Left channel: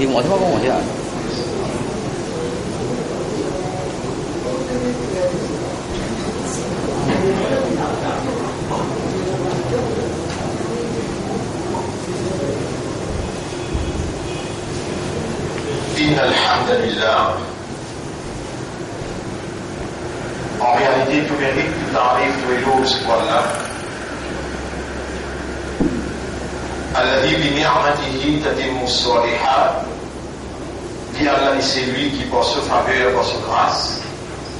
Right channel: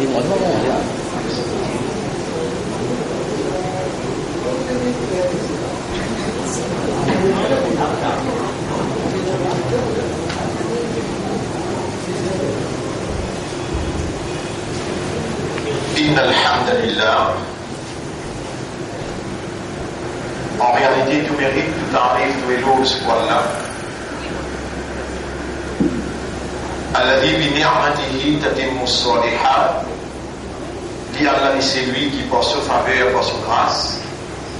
题，我他妈跟我讲。إن الحمد لله. En réalité, tout mérite, tout arrive, tous les jours, c'est pour Allah. الذي بنعمته تتم الصالحات. Dit Allah, c'est lui qui, par sa faveur, par sa grâce,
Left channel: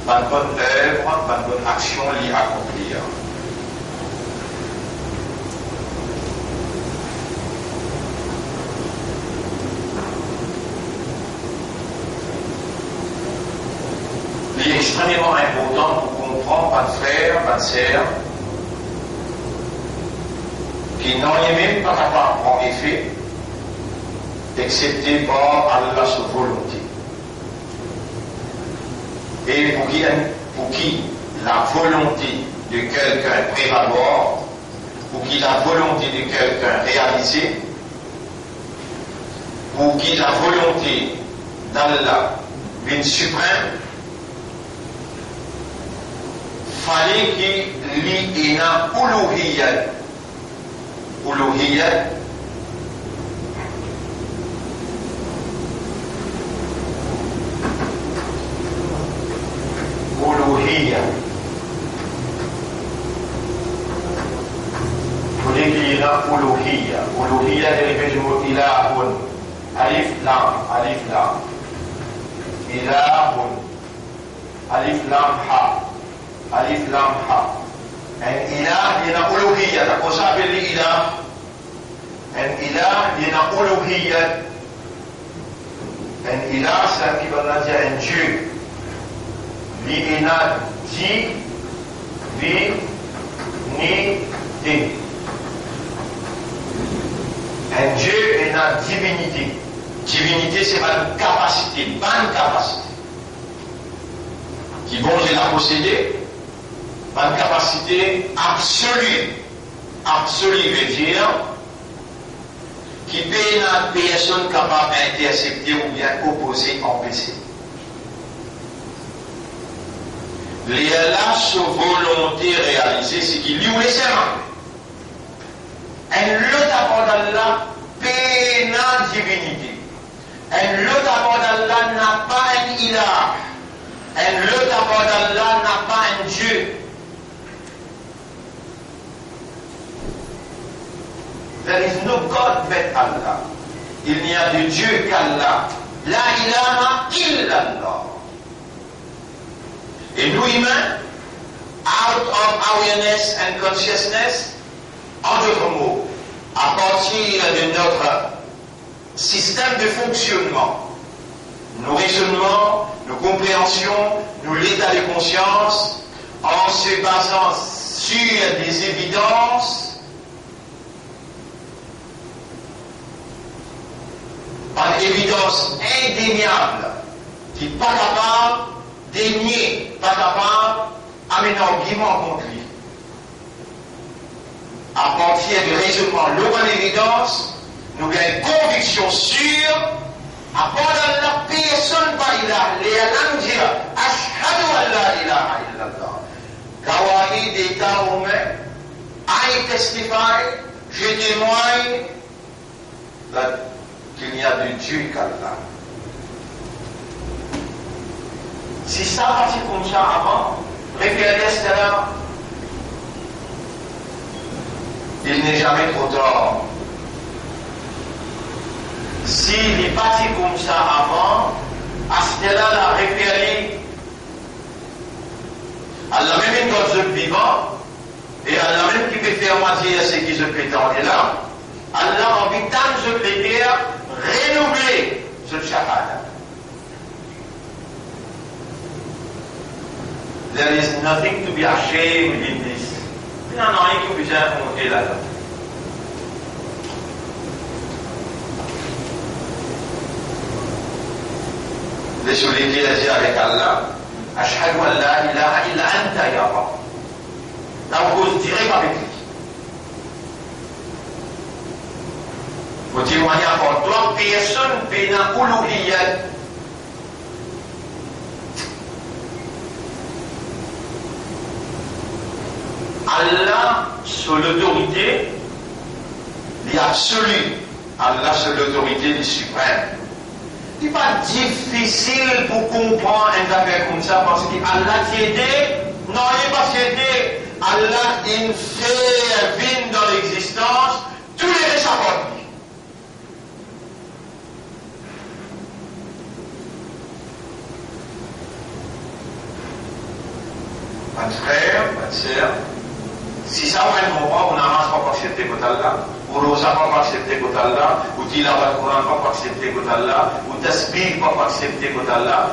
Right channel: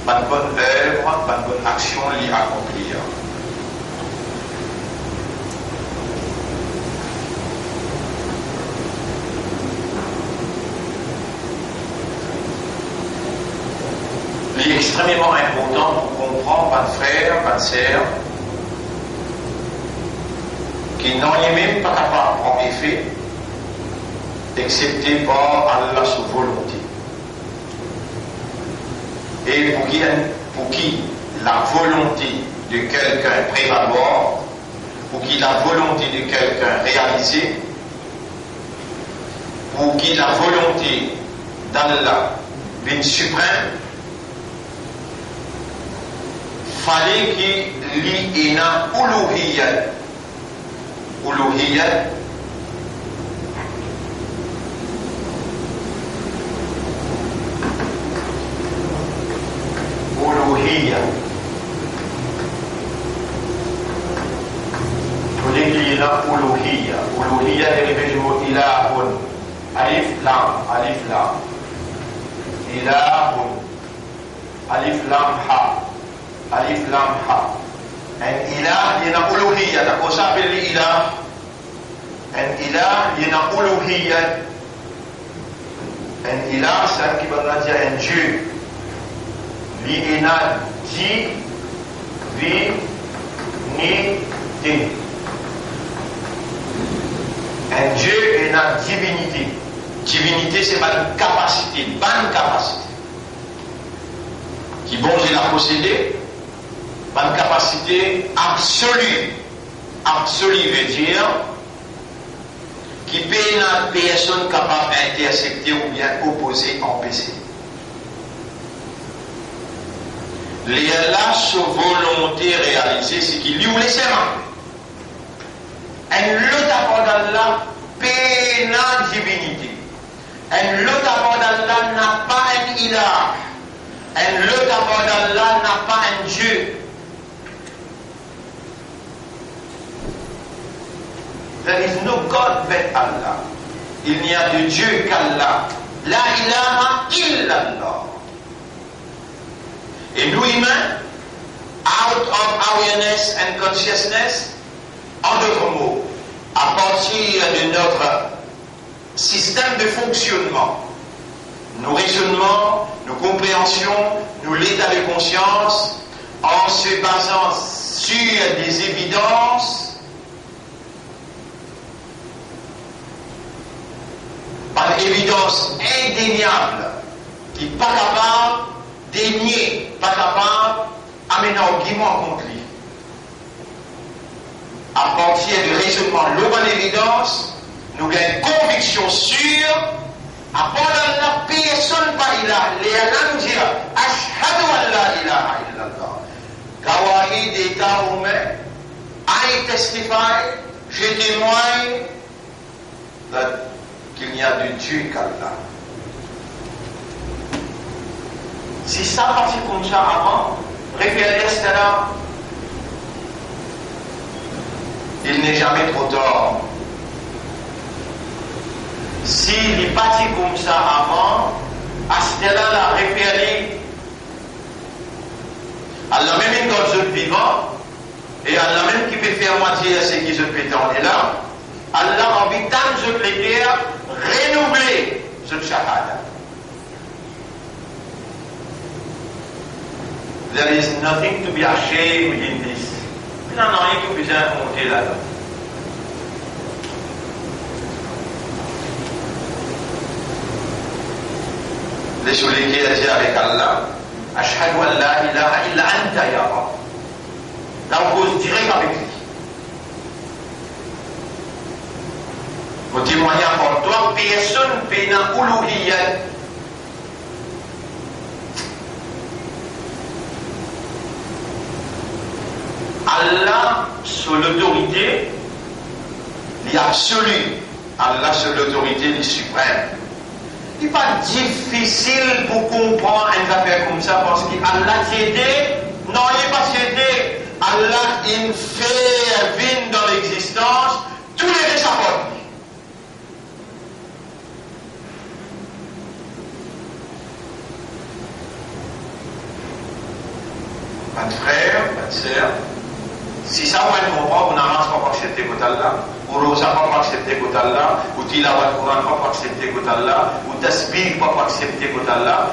par bonne œuvre, par bonne action, l'y accomplir. Il est extrêmement important pour comprendre, pas de frère, pas de sœur, qui n'en est même pas capable en effet, excepté par Allah sa volonté. Et pour qui la volonté de quelqu'un prévaloir, pour qui la volonté de quelqu'un réalisée, pour qui la volonté d'Allah vient suprême, fallait qu'il y ait une uluhiyat. Uluhiyat, uluhiyat. Fallait qu'il y ait une uluhiyat. Uluhiyat est le mot ilahun. Alif lam, alif lam. Ilahun. Alif lam ha. Alif lam ha. Un ilah, il y a une uluhiyya. D'accord, ça s'appelle l'ilah. Un ilah, il y a une uluhiyya. Un ilah, c'est qui va dire un Dieu. Il y a divinité. Un Dieu est une divinité. Divinité, c'est une capacité, une capacité. Qui bon, je la posséder. Une capacité absolue. Absolue veut dire qui peut une personne capable d'intercepter ou bien opposer, empêcher. La volonté réalisée, c'est qu'il lui laisse un lot avant d'Allah peut une divinité. Un lot avant d'Allah n'a pas un ilah. Un lot avant d'Allah n'a pas un Dieu. There is no God but Allah. Il n'y a de Dieu qu'Allah. La ilaha illallah. Et nous humains, out of awareness and consciousness, en d'autres mots, à partir de notre système de fonctionnement, nos raisonnements, nos compréhensions, nos états de conscience, en se basant sur des évidences, par évidence indéniable, qui n'est pas capable de nier, pas capable d'amener un argument contre lui. À partir du raisonnement loin d'évidence, nous avons une conviction sûre, à part de la personne par ilah, les Allah nous dira, ashhadu an la ilaha illallah. Kawahi des cas humains, I testify, je témoigne, qu'il n'y a de Dieu qu'Allah. Si ça partit comme ça avant, référez à cela, il n'est jamais trop tard. S'il est parti comme ça avant, à cela, la référez à la même quand je vivant, et à la même qui peut faire moitié à ce qui se fait dans les là, Allah a envie tant de plaisir, renouveler ce shahada. There is nothing to be ashamed in this. Il n'en a rien qui puisse monter là-dedans. Laissez-les dire avec Allah, ashhadu an la ilaha illa anta ya Rabb. Là, on cause direct avec lui. Pour témoigner encore toi, personne peut dans uluhiyat. Allah sur l'autorité, l'absolu. Allah sur l'autorité du suprême. Il n'est pas difficile pour comprendre une affaire comme ça parce qu'Allah t'y aidé. Non, il n'est pas t'y aidé. Allah, il fait venir dans l'existence tous les réchappants. Pas de frère, pas de sœur. Si ça va être bon, on n'a pas accepté que Allah. Ou Rosa pas accepté que Allah. Ou Tilawat Quran pas accepté que Allah. Ou Tasbih pas accepté que Allah.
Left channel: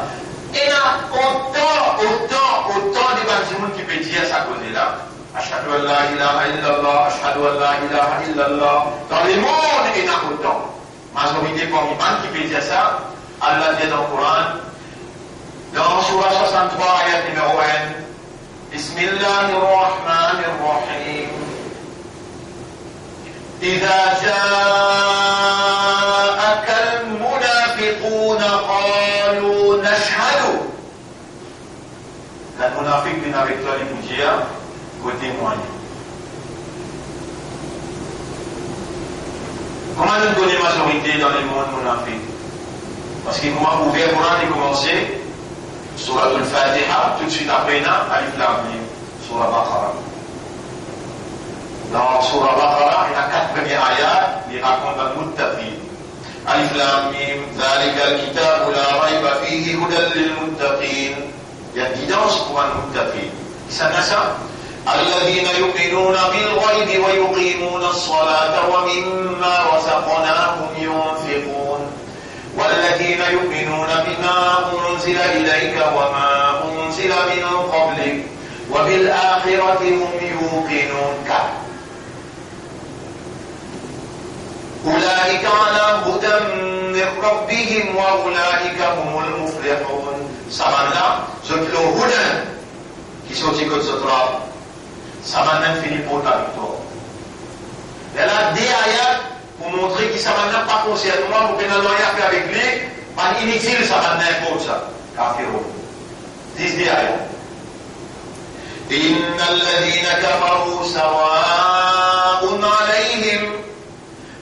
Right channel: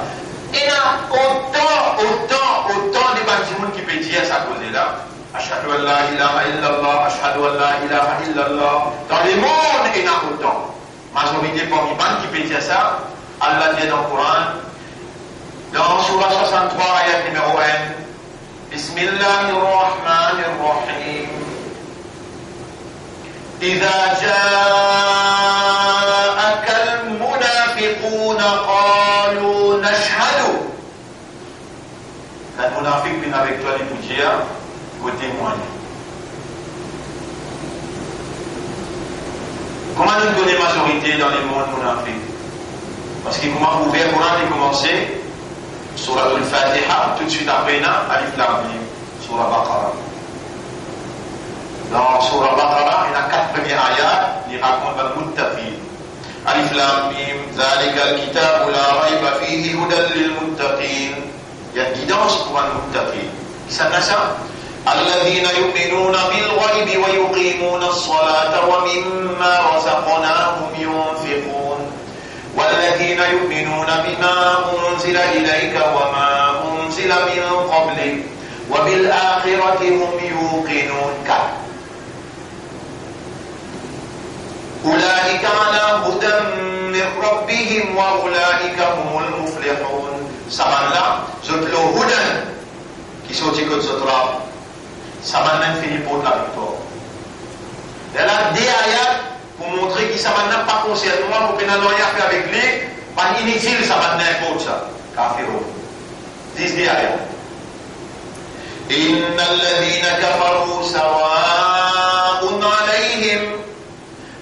Il y a autant de bâtiments qui peuvent dire ça cause-là. Ashhadu an la ilaha illallah, ashhadu an la ilaha illallah. Dans le monde, il y en a autant. Majorité parmi les qui peuvent dire ça. Allah dit dans le Coran, dans Surah 63, ayat numéro 1. Bismillahirrahmanirrahim. إذا جاءك المنافقون قالوا نشهد. La munafiq vient avec toi, les dire, côté témoigne. Comment nous donner majorité dans les mondes munafiq? Parce qu'il m'a ouvert le Coran et commencé sur Al-Fatiha, tout de suite après, Alif Lam Mim, sur la Baqarah. Dans Surah Baqarah, il y a 4 premiers ayats qui racontent le Muttaqin. Alif Lam Mim, Zalika al-Kitabu la rayba fihi hudan lil Muttaqin. Il y a guidance pour un Muttaqin. Qui s'en a ça? الذين يؤمنون بالغيب ويقيمون الصلاة ومما رزقناهم ينفقون والذين يؤمنون بما أنزل إليك وما أنزل من قبلك وبالآخرة هم يوقنون. أولئك على هدى من ربهم وأولئك هم المفلحون. Samana, zot lo hudan qui sorti que zot rab. Samana finit pour la victoire. Elle a des ayats pour montrer que Samana pas concerne moi, pour que nous ayons avec lui, pas inutile Samana pour ça. Kafiro. 10 des ayats. إن الذين كفروا سواء عليهم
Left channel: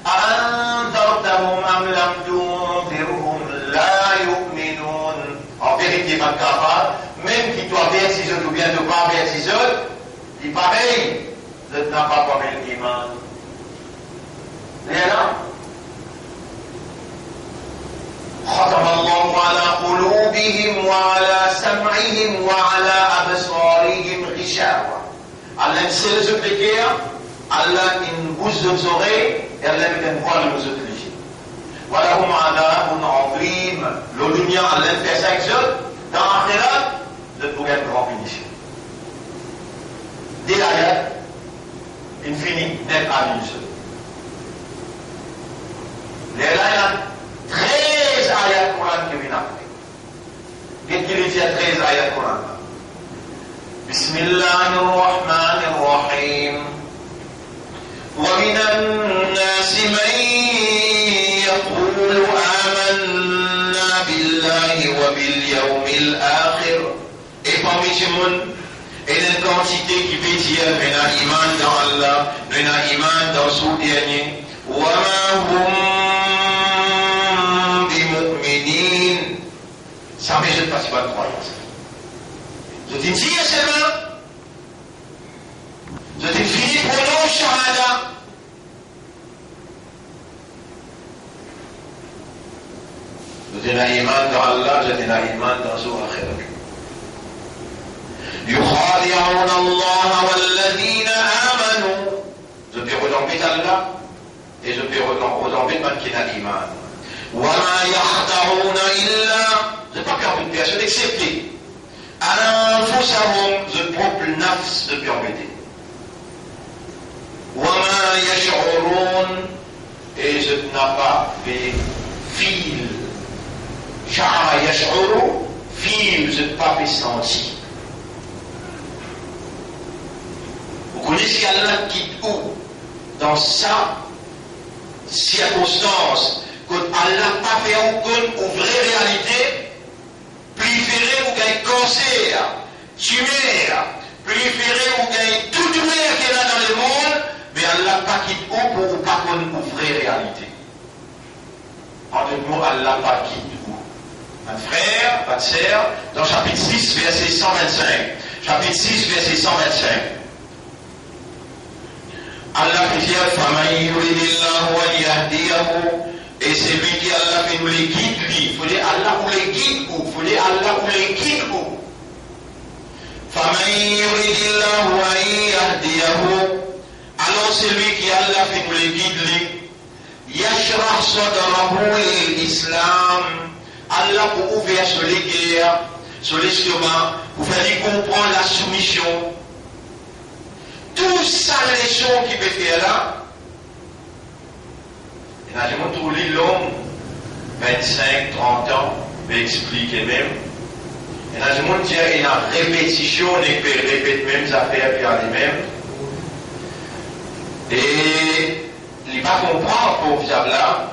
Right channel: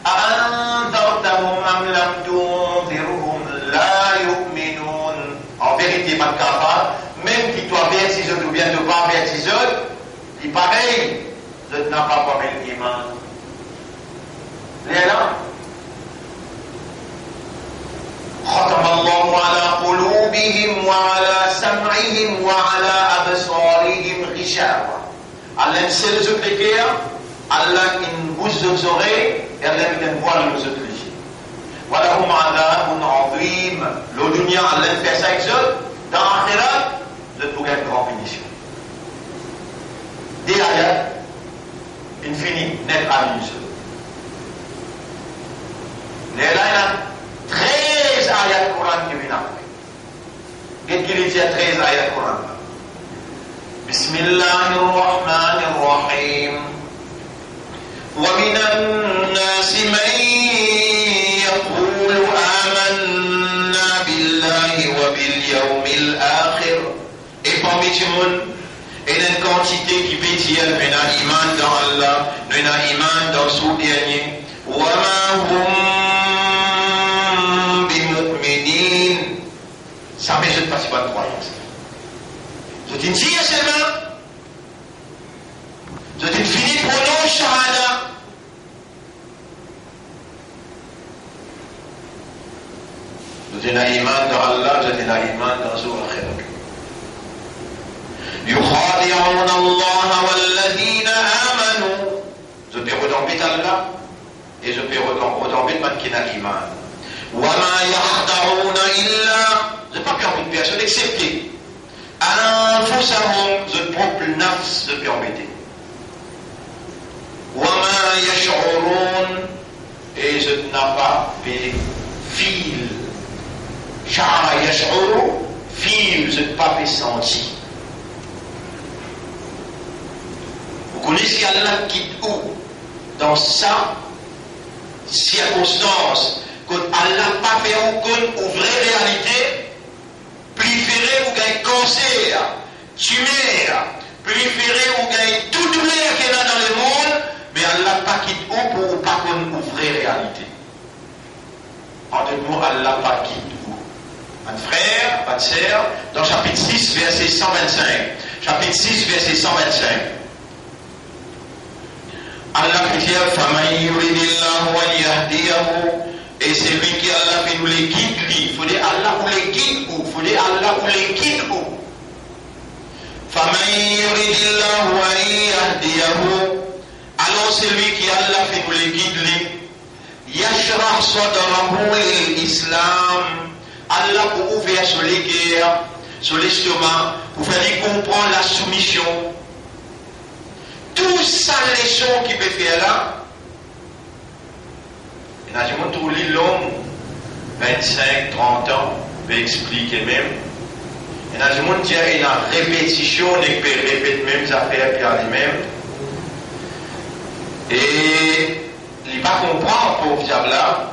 أأنذرتهم أم لم تنذرهم لا يؤمنون. En vérité, pas de kafar, même qui doit avertir les autres ou bien ne pas avertir les autres, il pareil, je n'ai pas parlé l'iman. Léna ختم الله على قلوبهم وعلى سمعهم وعلى أبصارهم غشاوة. Allah sait les autres guerres, Allah une bouche aux oreilles et Allah une voix aux autres yeux. Voilà comment Allah on envime le dunya Allah fait ça avec eux dans l'akhirat de trouver une grande bénédiction. Des ayats infini net à l'use. Les ayats 13 ayats Coran qui viennent après. Qu'est-ce qu'il dit à 13 ayats Coran? Bismillahirrahmanirrahim. ومن الناس من يقول آمنا بالله وباليوم الآخر. Et parmi ces monde, il y a une quantité qui peut dire nous avons iman dans Allah, nous avons iman dans son dernier. وما هم بمؤمنين. Ça ne me pas de croyance. Je te dis seulement, je te finis pour nous shahada. Nous avons iman dans Allah, nous avons iman dans son akhir. يخادعون الله والذين آمنوا. Je peux retomber Allah et je peux retomber man qui n'a l'iman. وما يخدعون إلا. Je ne peux pas permettre une personne excepté. أنفسهم. Je propre nafs de permettre. وما يشعرون. Et je n'ai pas fait fil. شعر يشعر fil. Je n'ai pas fait sentir. Vous connaissez Allah quitte où? Dans ça, circonstances, que Allah n'a pas fait aucune vraie réalité, préféré ou gagne cancer, tumeur, préféré ou gagne tout douleur qu'il y a dans le monde, mais Allah n'a pas quitté ou pour ou pas une vraie réalité. En d'autres mots, Allah n'a pas quitté ou. Un frère, ma sœur, dans chapitre 6, verset 125. Chapitre 6, verset 125. Allah fait dire, Famaï yuridillahu wa yahdiyahu. Et c'est lui qui Allah fait nous les guide, lui. Il faut dire Allah vous les guide où. Il faut dire Allah vous les guide où. Famaï yuridillahu wa yahdiyahu. Alors c'est lui qui Allah fait nous les guide, lui. Yashrah sadrahu l'islam. Allah pour ouvrir sur les guerres, sur l'estomac, pour faire lui comprendre la soumission. Tout ça, les choses qu'il peut faire là, et là, je montre tout l'homme, 25, 30 ans, peut expliquer même. Et là, je montre qu'il y a une répétition, on peut répéter même les affaires, puis à lui-même. Et il ne va pas comprendre, pauvre diable là,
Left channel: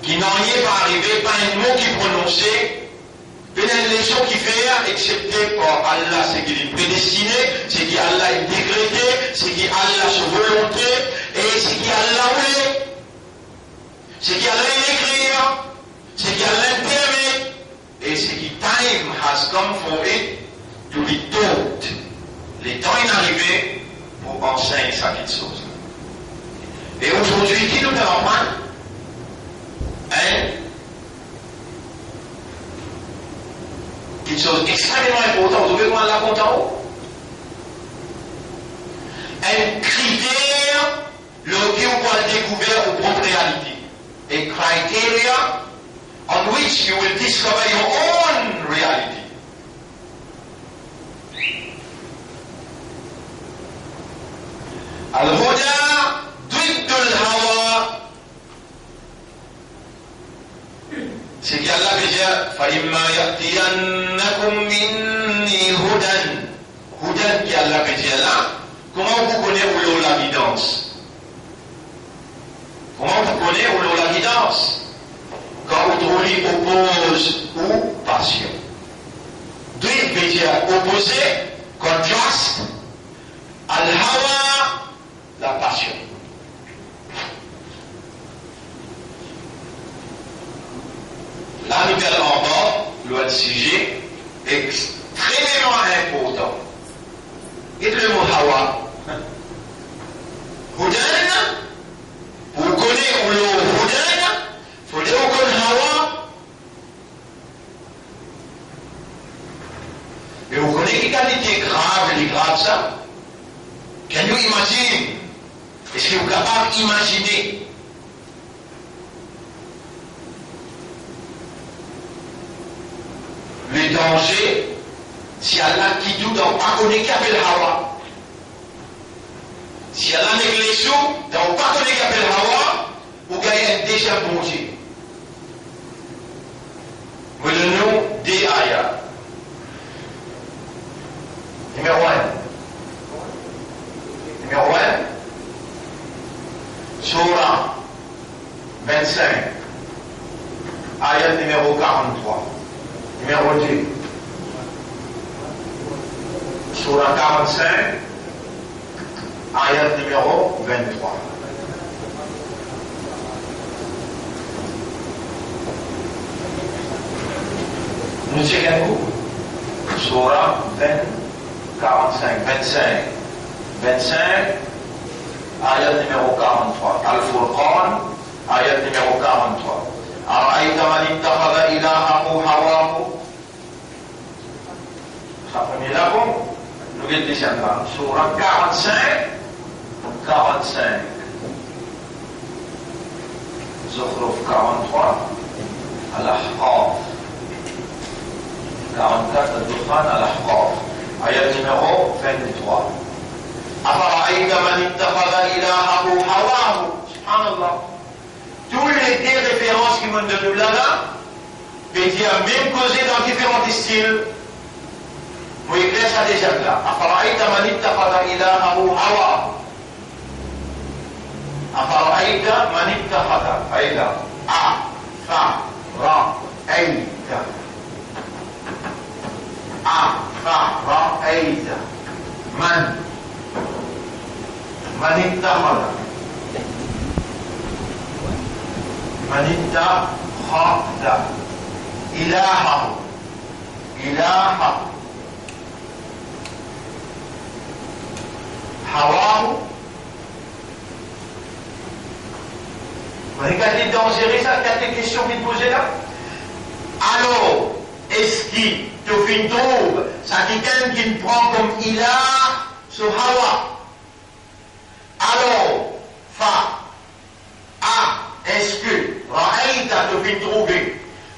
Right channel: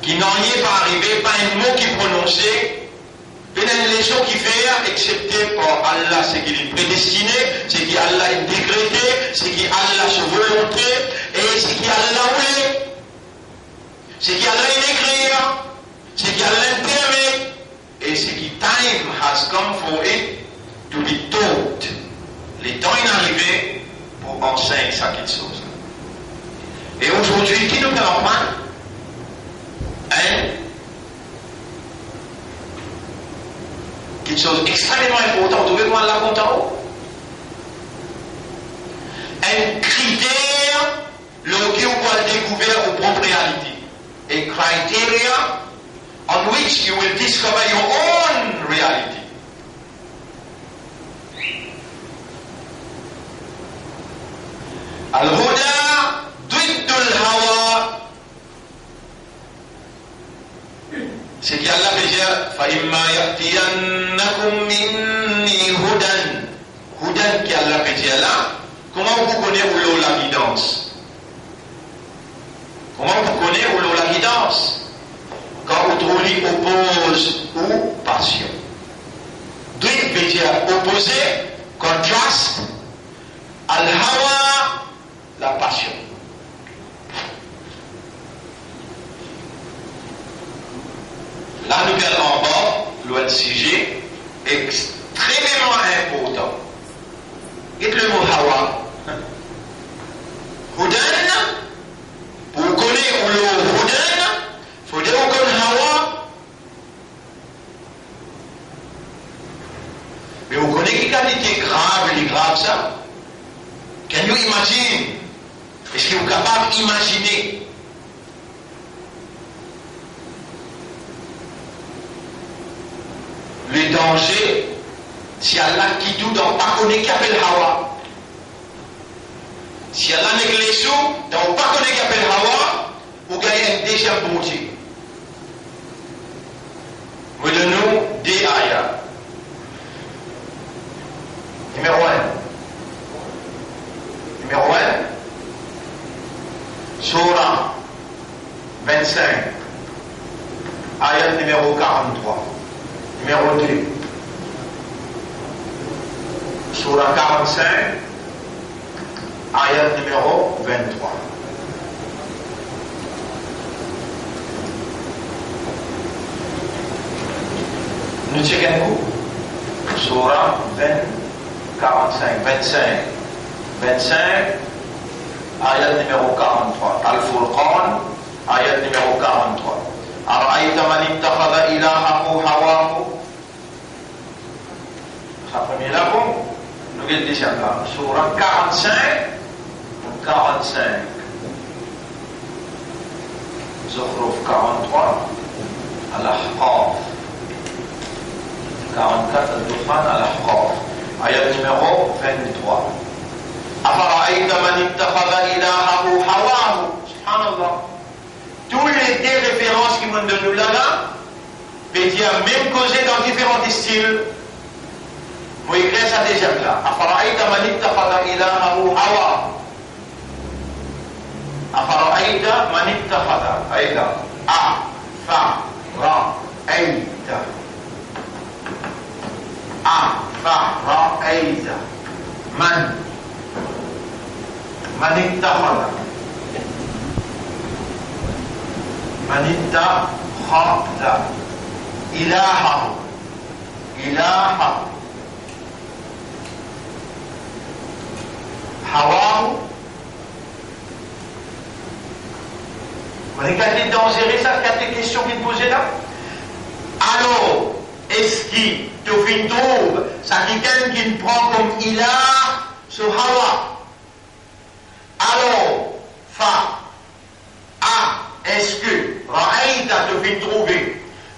qui n'en est pas arrivé, pas un mot qui prononçait. Une leçon qui fait, excepté par Allah, c'est qu'il est prédestiné, c'est qu'il Allah est décrété, c'est qu'il Allah sa volonté, et c'est qu'il Allah voulait. C'est qu'il Allah est écrire, c'est qu'il Allah permet, et c'est qu'il time has come for it to be taught. Les temps est arrivé pour enseigner ça quelque chose. Et aujourd'hui, qui nous apprend? Hein? Quelque chose extrêmement important, vous devez voir là content. Un critère, le qui vous pouvez découvrir aux propres réalités. A criteria on which you will discover your own reality. Al-Huda ضد الهوى. C'est qu'Allah veut dire فَإِمَّا يَأْتِيَنَّكُمْ مِنِّي هُدًى. Hudan qui Allah veut dire là, comment vous connaissez où l'eau la guidance? Comment vous connaissez où l'eau la guidance? Quand vous trouvez oppose ou passion. ضد veut dire opposé, contraste. Al-Hawa, la passion. La nouvelle en bas, le sujet, extrêmement important. Qu'est-ce que le mot Hawa? Hudan, pour connaître le Hudan, il faut dire qu'on Hawa. Mais vous connaissez quelle qualité grave, elle est grave ça? Can you imagine? Est-ce que vous êtes capable d'imaginer? Le danger, si Allah qui tout dans pas connaît qu'appelle Hawa. Si Allah n'est que les sous, dans pas connaît qu'appelle Hawa, vous gagnez déjà bouti. Mais le nom des ayats. Numéro 1. Numéro 1. Surah 25. Ayat numéro 43. Numéro 2. Surah 45, ayat numéro 23. Nous checkons. Surah 45, 25, ayat numéro 43. Al-Furqan, ayat numéro 43. أرأيت من اتخذ إلهه هواه. Ça premier là, nous allons descendre là. Surah 45, 45. Zukhruf 43, Al-Ahqaf. 44, Al-Dukhan, Al-Ahqaf. Ayat numéro 23. أرأيت من اتخذ إلهه هواه. Subhanallah. Tous les deux références qui m'ont donné là, veut dire même causé dans différents styles. Vous écrivez ça déjà là. أفرأيت من اتخذ إلهه هواه. أفرأيت من اتخذ أيضا أفرأيت أفرأيت من اتخذ إلهه هواه. Vous avez qu'à dangereux ça, quatre questions qui te posent là. Alors, est-ce qu'il te fait trouve ça quelqu'un qui te prend comme ilah sur Hawa? Alors, est-ce que Ra'aïta te fait trouver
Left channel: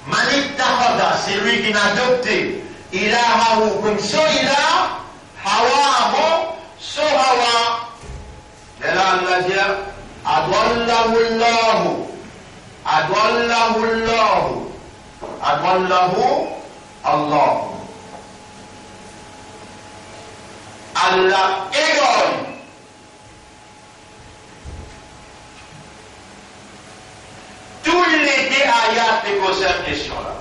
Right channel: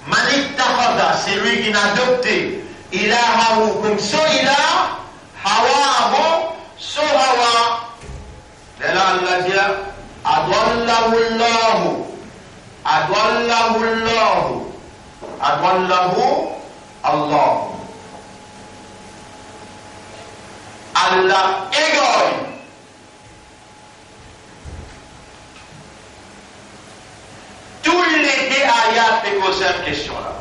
Malik Tahada, c'est lui qui n'a adopté Ilahahu comme son ilah, Hawahu, son Hawa. Et là, Allah dit Adwallahu Allah. Allah égale. Tous les deux ayats qui posent cette question-là.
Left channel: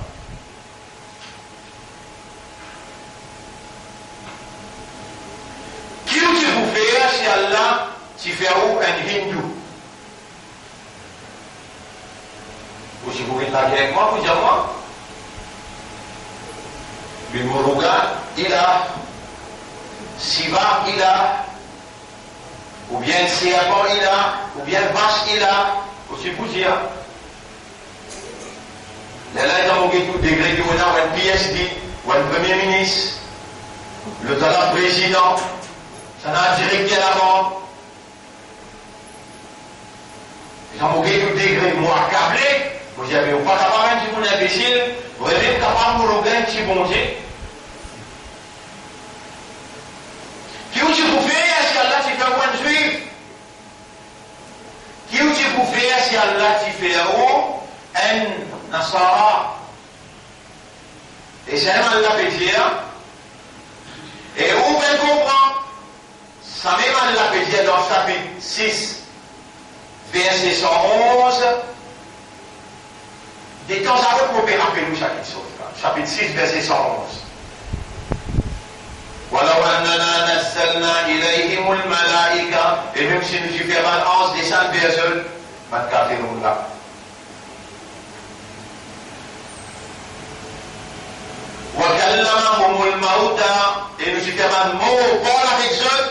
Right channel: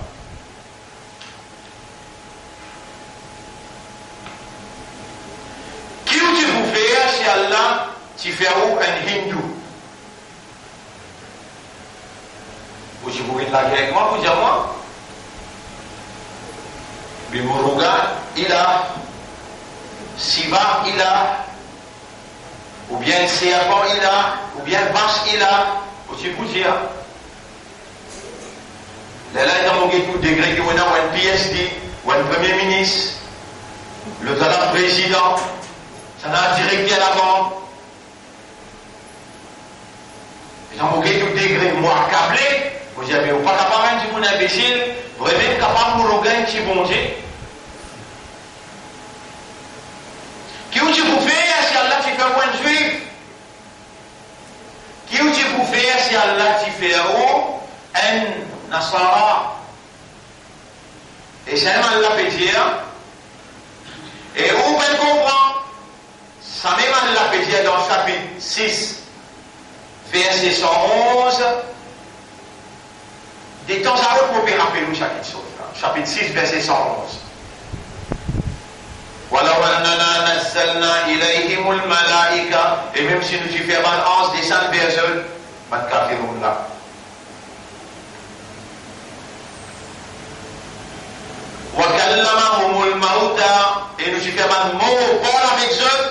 Qui tu vous fais chez Allah, tu fais où un hindou? Ou si vous êtes là avec moi, vous dites moi. Bimuruga, ilah. Siva, ilah. Ou bien Siapan, ilah. Ou bien Vache, ilah. Ou si vous dites. Là, il y a tout degré qui est un PSD, ou un premier ministre, le talent président, ça n'a directeur là-bas. Ils ont tout degré, moi, câblé. Vous dites, vous pas capable de dire imbécile, vous êtes capable de regarder si bon Dieu. Qui vous fait si Allah t'y fait un juif? Qui vous fait si Allah t'y fait un Nasara? Et c'est un Allah peut dire. Et où peut comprendre? Ça même Allah peut dire dans chapitre 6, verset 111. Des temps à l'autre, pour rappeler nous chapitre 6. Chapitre 6, verset 111. ولو أننا نزلنا إليهم الملائكة. Et même si nous y faisons un ange descend vers eux, pas de café nous là. وكلمهم الموتى. Et nous y faisons un mot, parle avec eux.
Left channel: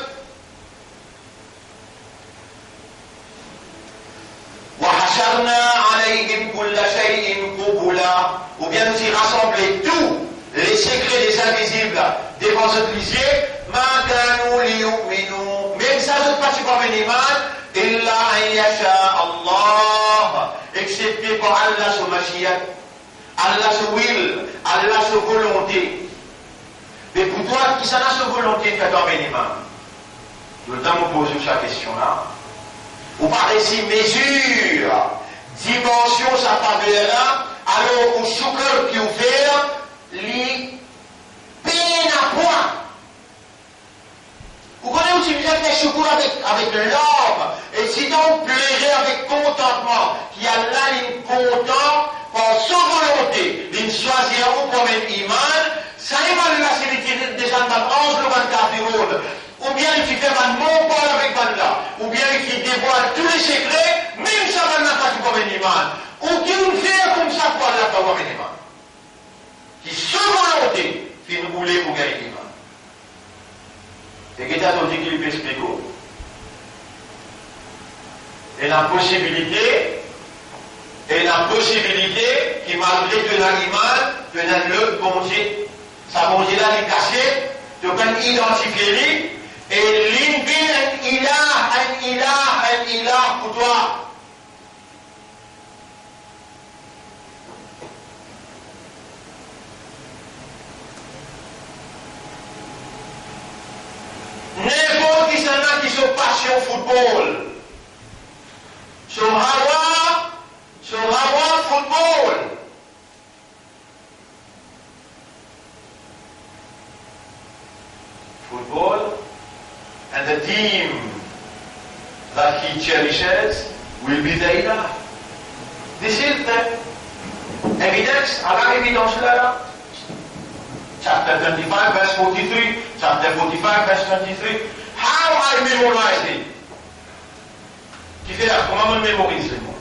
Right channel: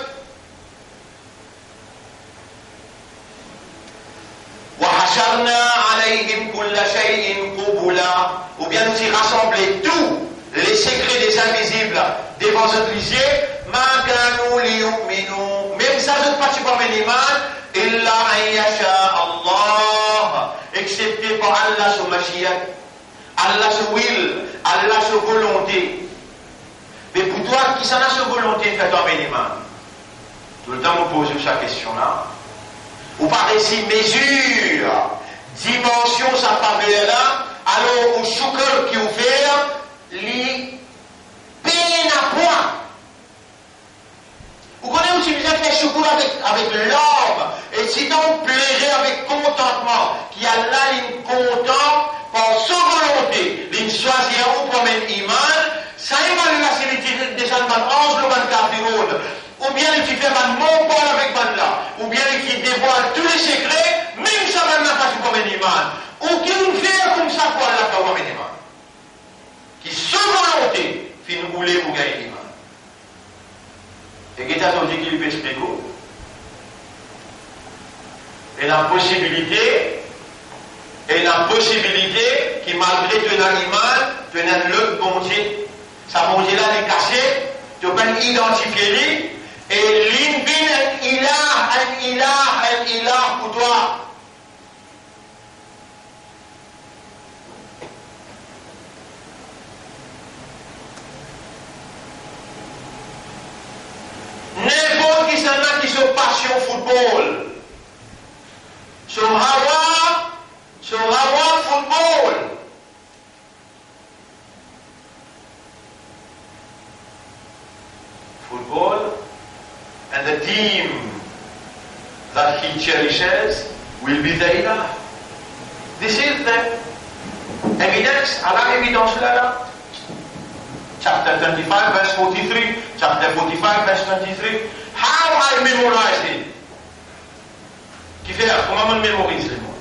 وحشرنا عليهم كل شيء قبلا. Ou bien nous y rassembler tous les secrets des invisibles devant notre lisier. ما كانوا ليؤمنوا. Même ça ne pas tu pas l'iman. إلا أن يشاء الله. Excepté par Allah sur Mashiach. Allah sur will. Allah sur volonté. Mais pour toi, qui s'en a sur volonté, fais-toi l'iman. Tout le temps, nous posons cette question-là. Ou par ici mesure, dimension, ça parle là, alors au choukeur qui ouvert, li peine à point. Vous connaissez aussi bien que les choukeurs avec l'homme, et sinon on plairait avec contentement, qui a là une content par sa volonté, l'une choisir ou comme un iman, ça évalue la sécurité des gens dans 11 ou 24 jours. Ou bien il fait un mot parle avec là, ou bien il dévoile tous les secrets, même ça va n'a pas comme un iman. Ou qui nous fait comme ça pour Allah comme un iman. Qui sans volonté, fait nous rouler pour gagner l'iman. Et qu'est-ce que dit qu'il peut expliquer? Et la possibilité qui malgré que l'animal, que le bon Dieu, ça bon Dieu là, il est caché, tu peux identifier. Et l'imbi un ilah pour toi. N'importe qui s'en a qui sont passion football. Sur Hawa football. Football. And the team that he cherishes will be the ilah. This is the evidence, Allah évidence là. Chapter 25 verse 43, chapter 45 verse 23. How I memorize it? Qui fait comment je mémorise moi?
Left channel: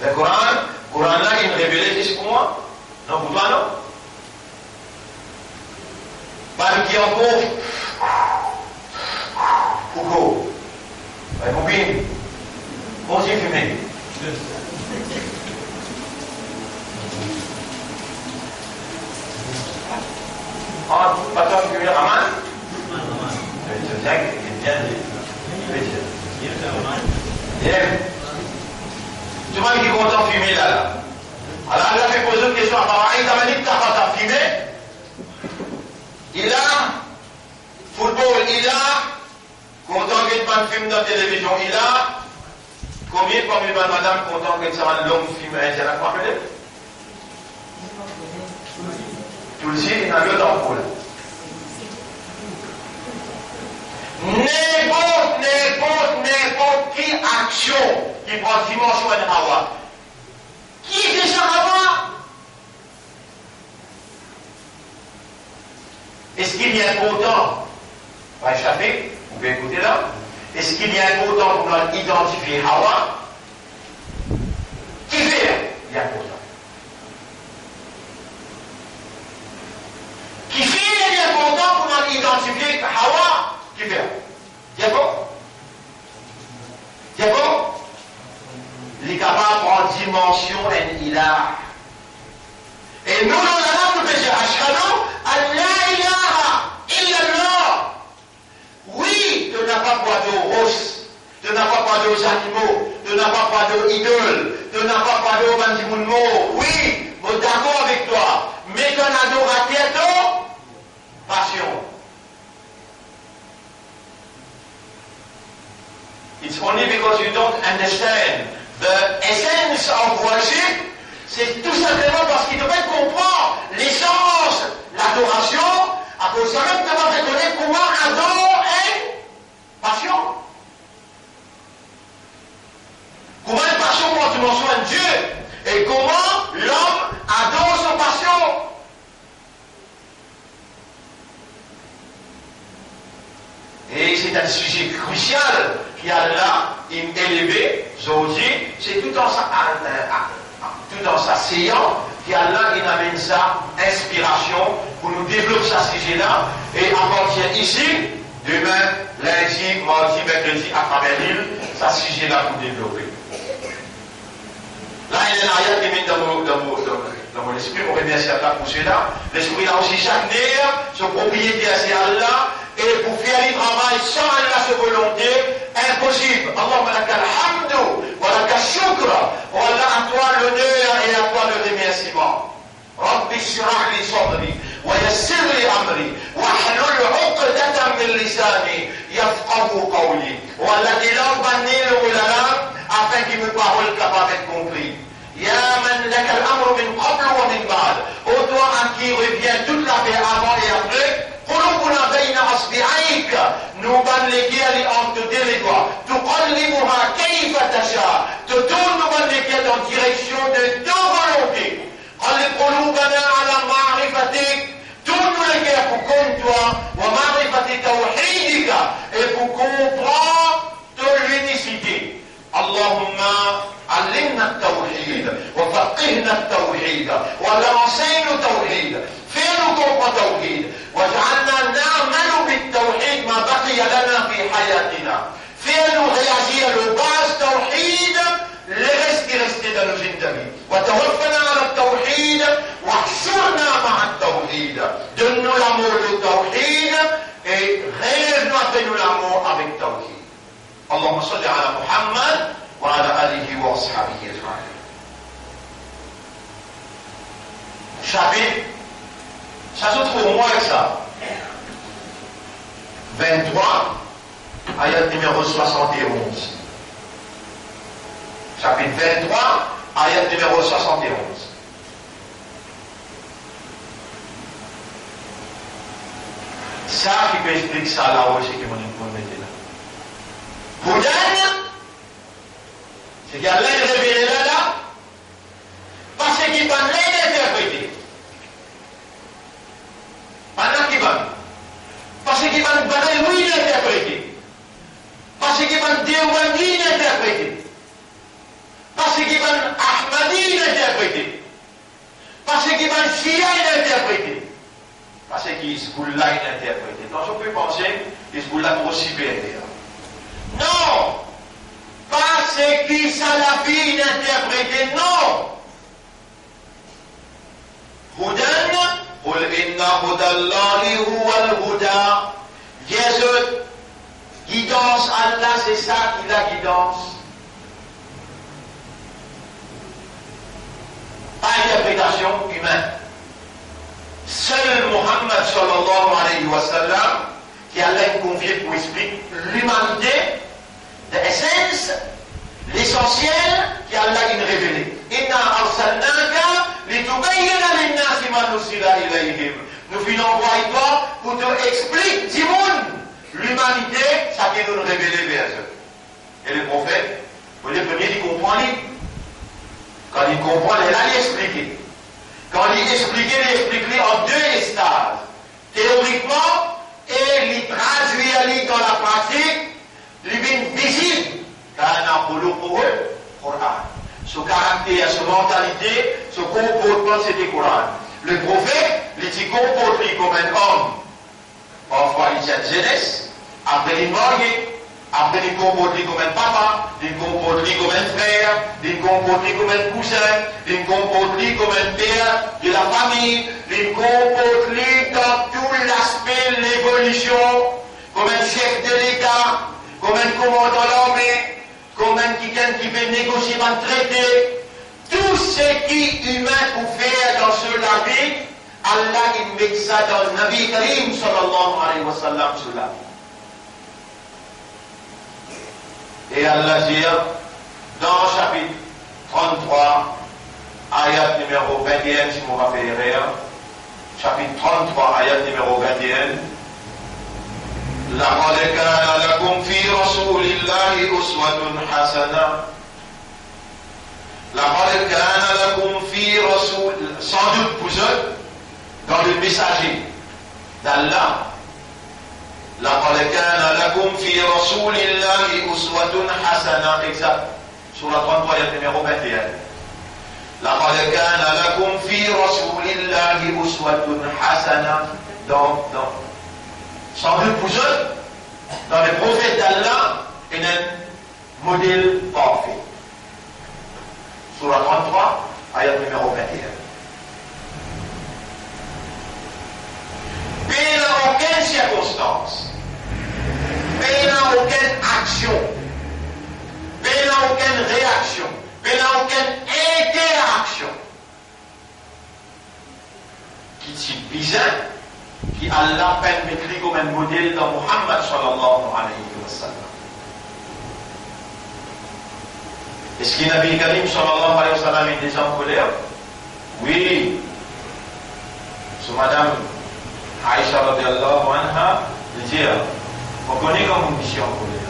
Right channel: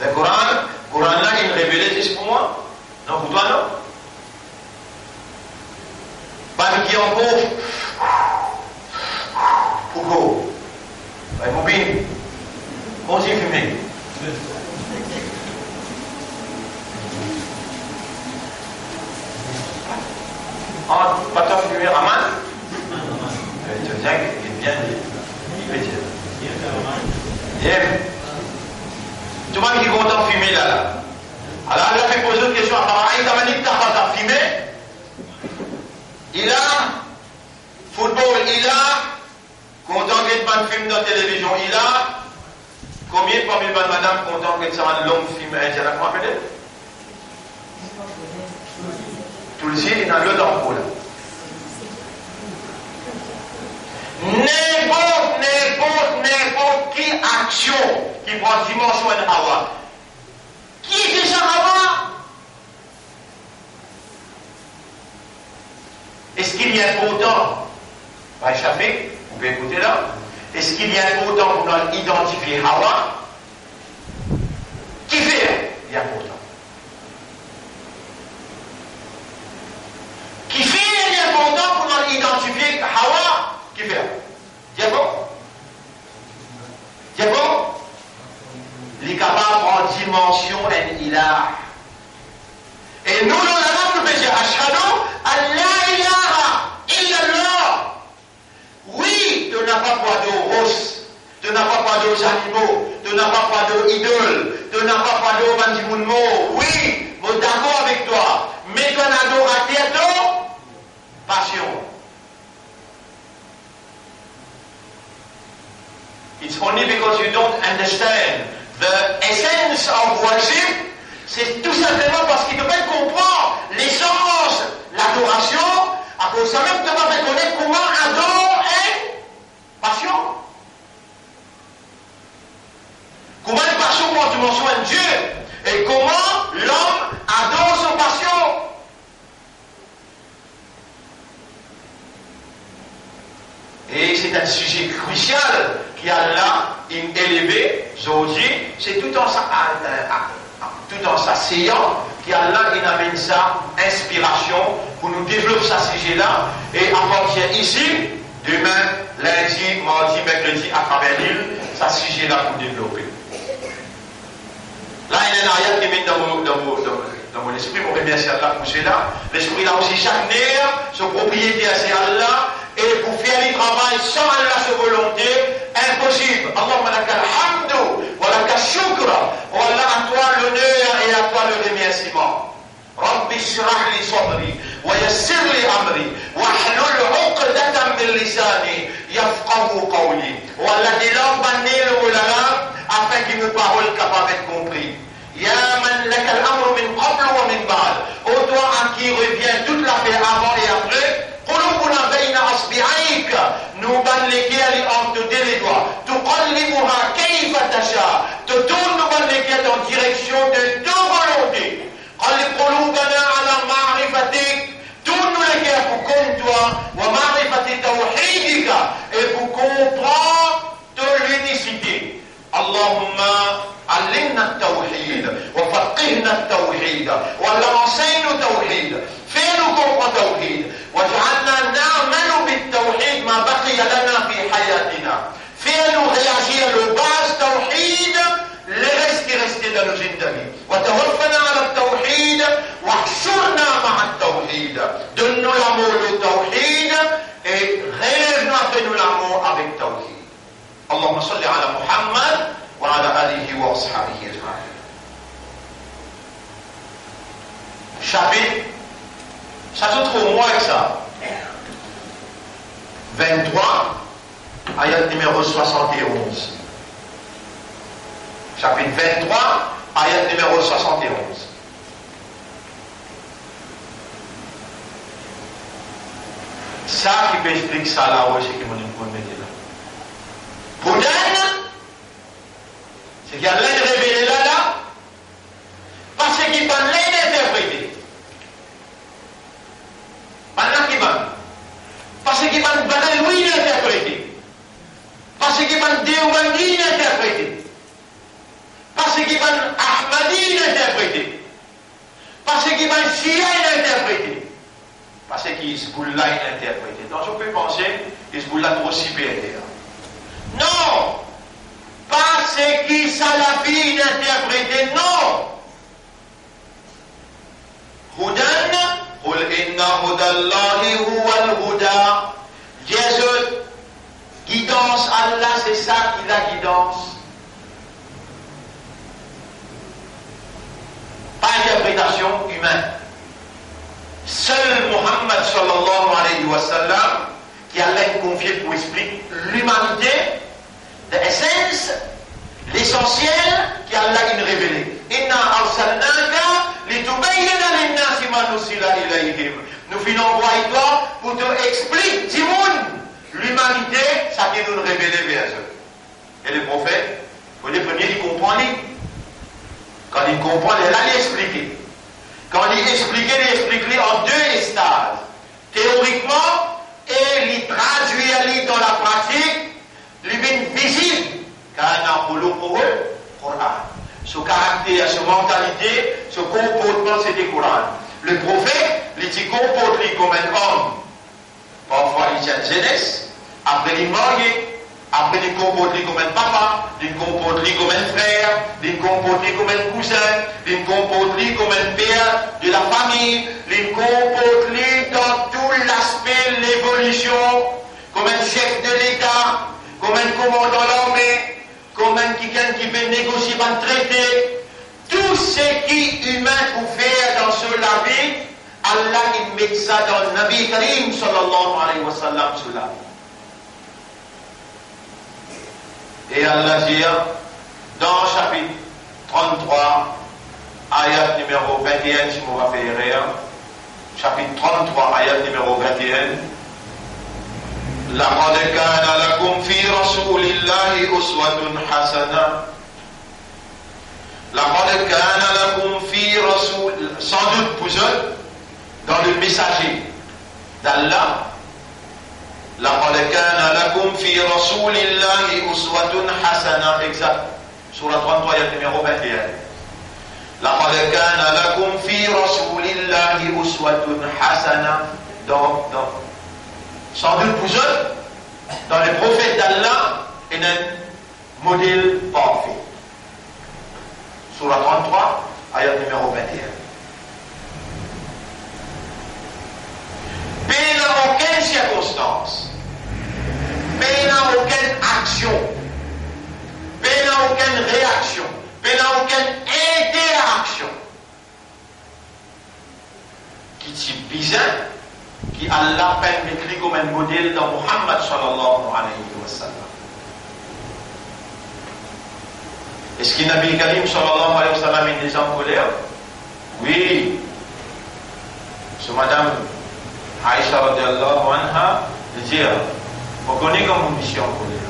Le Coran là, il révèle juste pour moi? Non, pour toi non? Pas qui en pauvre. Pourquoi? Ben, mon bin, comment j'ai fumé? Ah, pas toi fumé, Raman? Tu sais, il est bien dit. Bien. Tout le monde qui est content de fumer là. Alors, elle a fait poser une question. Alors, il a dit que tu n'as pas fumé. Il a football, il a content que tu filme dans la télévision, il a combien de madame content que tu as un long film, elle a quoi appelé? Tout le ciel, il a le temps. N'importe qui action qui prend dimension de Hawa. Qui est déjà Hawa? Est-ce qu'il y a important? Va échapper, vous pouvez écouter là. Est-ce qu'il y a important pour nous identifier Hawa? Qui fait? Il y a important. Qui fait il est important pour nous identifier Hawa? Qui fait? Diabo? Il est capable en dimension et il a. Et nous, nous faisons Ashhadu an la ilaha illallah. Oui, tu n'as pas pas de roses, tu n'as pas pas d'animaux, tu n'as pas pas d'idoles, tu n'as pas pas de bandimounmo. Oui, je suis d'accord avec toi. Mais tu as adorateur passion. It's only because you don't understand the essence of worship. C'est tout simplement parce qu'il ne peut pas comprendre l'essence, l'adoration, à cause de ça même tu vas reconnaître comment adore est passion. Comment une passion prend dimension de Dieu et comment l'homme adore son passion. Et c'est un sujet crucial qui a là élevé aujourd'hui, c'est tout en s'asseyant qu'Allah il amène sa inspiration pour nous développer ce sujet-là et apporter ici, demain, lundi, mardi, mercredi, à travers l'île, ce sujet-là pour développer. Là, il y a une ayat qui met dans mon esprit, mon remercie Allah pour cela. L'esprit là aussi, chaque nerf, son propriété c'est Allah, et pour faire le travail sans Allah, sa volonté, impossible. Allahumma lakal hamdu, wa lakal shukra, wa Allah à toi l'honneur et à toi le remerciement. Rabbi shrah li sadri, wa yassir li amri, wa hlul 'uqdatan min lisani, yafqahu qawli. Wa Allah des langues bannies le ulama, afin qu'il me parole capable d'être compris. Ya man lakal amru min qabl wa min ba'd. Ô toi à qui revient toute la paix avant et après. قلوبنا بين أصبعيك نوبان لكيالي أن تدلدوا تقلبها كيف تشاء تدون نوبان لكيالي en direction de ta volonté قلب قلوبنا على معرفتك tourne les cœurs pour comme toi ومعرفة توحيدك et pour comprendre ton unicité اللهم علمنا التوحيد وفقهنا التوحيد ولا enseigne التوحيد fais-nous comprendre التوحيد واجعلنا نعمل بالتوحيد ما بقي لنا في حياتنا fais-nous réagir le base توحيد لرست dans nos vie وتوفنا على التوحيد واحشرنا مع التوحيد donne-nous l'amour du توحيد et relève-nous après nous l'amour avec توحيد اللهم صل على محمد وعلى آله وأصحابه أجمعين. Chapitre, ça se trouve moins que ça. 23, ayat numéro 71. Chapitre 23, ayat numéro 71. Ça qui peut expliquer ça là aussi que mon époux mettait là. Houdan, c'est qu'il y a l'aide révélée là, parce qu'il va l'aide interpréter. Pendant qu'il va. Parce qu'il va oui interpréter. Parce qu'il va Déouani interpréter. Parce qu'il va Ahmadi interpréter. Parce qu'il va Shia interpréter. Parce qu'il Hizbullah interpréter. Donc je peux penser Hizbullah trop supérieur. Non! Parce qu'il Salafi interpréter, non! Houdan, قل إن هدى الله هو الهدى. Jésus, guidance, Allah, c'est ça qui la guidance. Pas interprétation humaine. Seul Muhammad sallallahu alayhi wa sallam, qui Allah confié pour expliquer l'humanité, l'essence, l'essentiel, qui Allah a révélé. Inna arsalnaka litubayyana linnasi ma nusila ilayhim. Nous venons voir toi pour te expliquer, Timoun, l'humanité, ça qui nous révélé vers eux. Et le prophète, pour les premiers, il comprend. Quand il comprend, il a expliqué. Quand il explique en deux stades. Théoriquement, et il traduit dans la pratique, l'humain visible, car il a un Coran. Ce caractère, cette mentalité, ce comportement, c'est le Coran. Le prophète, il dit comporte comme un homme. Parfois, il tient jeunesse. Après, il marie. Après, il comporte comme un papa. Il comporte comme un frère. Il comporte comme un cousin. Il comporte comme un père de la famille. Il comporte dans tout l'aspect de l'évolution. Comme un chef de l'État. Comme un commandant de l'armée. Comme un quelqu'un qui veut négocier un traité. Tout ce qui est humain pour faire dans ce la vie, Allah il met ça dans le Nabi Karim sallallahu alayhi wa sallam sur la vie. Et Allah dit dans chapitre 33, ayat numéro 21, si vous me rappellerez, chapitre 33, ayat numéro 21, لقد كان لكم في رسول الله أسوة حسنة. لقد كان لكم في رسول, sans doute pour eux, dans le messager d'Allah, لقد كان لكم في رسول الله أسوة حسنة, exact, sur la 33 numéro 21. لقد كان لكم في رسول الله أسوة حسنة. Donc, sans doute pour eux, dans le prophète d'Allah, il y a un modèle parfait. Surah 33, ayat numéro 21. Mais dans aucune circonstance, mais dans aucune action, mais dans aucune réaction, mais dans aucune interaction qui est bizarre, qui Allah permet comme un modèle dans Muhammad sallallahu alayhi wa sallam. Est-ce qu'il Nabi Karim sallallahu alayhi wa sallam est déjà en colère? Oui. Ce madame Aïcha radiallahu anha dit, on connaît comme une mission en colère.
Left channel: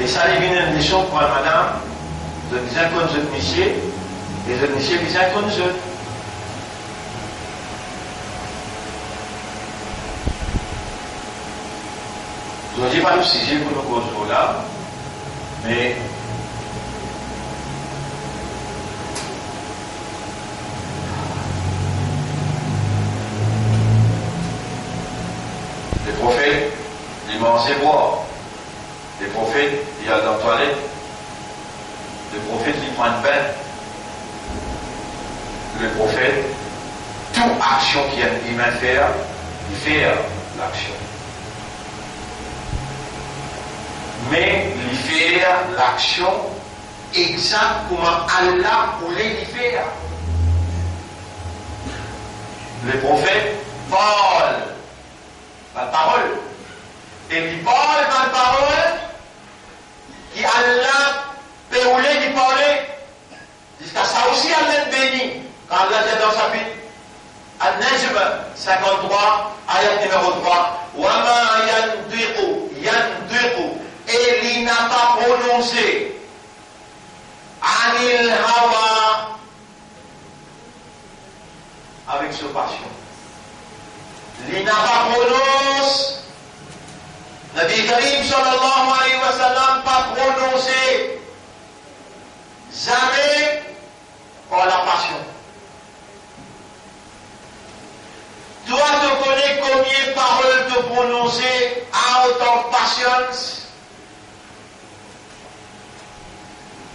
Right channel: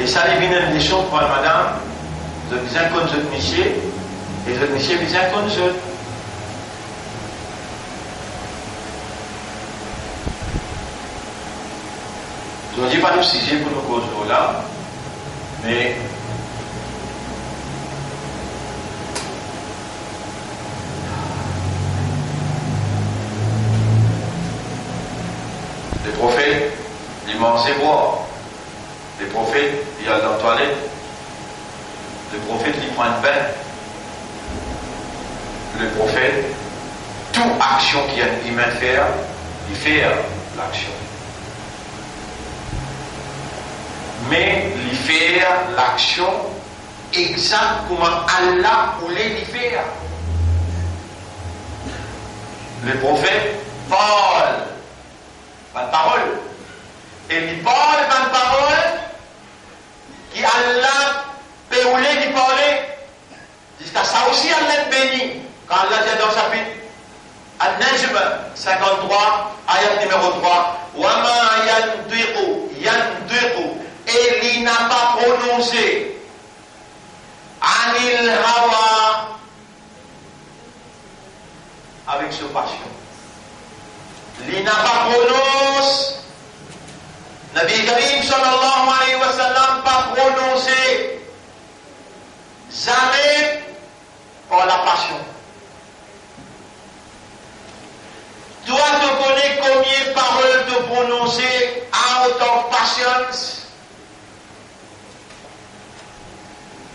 Et ça les vient une mission pour la madame, de bien qu'on se niché, et de niché bien qu'on se. Je ne dis pas le sujet pour nous causer là, mais les prophètes, ils mangeaient boire. Les prophètes, ils allaient dans la toilette. Les prophètes, ils prennent bain. Le prophète, toute action qu'il y a un humain faire, il fait l'action. Mais il fait l'action exactement Allah voulait y faire. Le prophète parle la parole. Et il parle la parole qui Allah peut voulait y parler. Jusqu'à ça aussi Allah bénit. Quand Allah dit dans sa chapitre Al-Najm 53, ayat numéro 3, وَمَا يَنْطِقُ prononcé Anil Hawa avec ce passion. Il n'a pas prononcé, Nabi Karim sallallahu alayhi wa sallam pas prononcé jamais par la passion. Toi, tu connais combien de paroles te prononcer out of passions?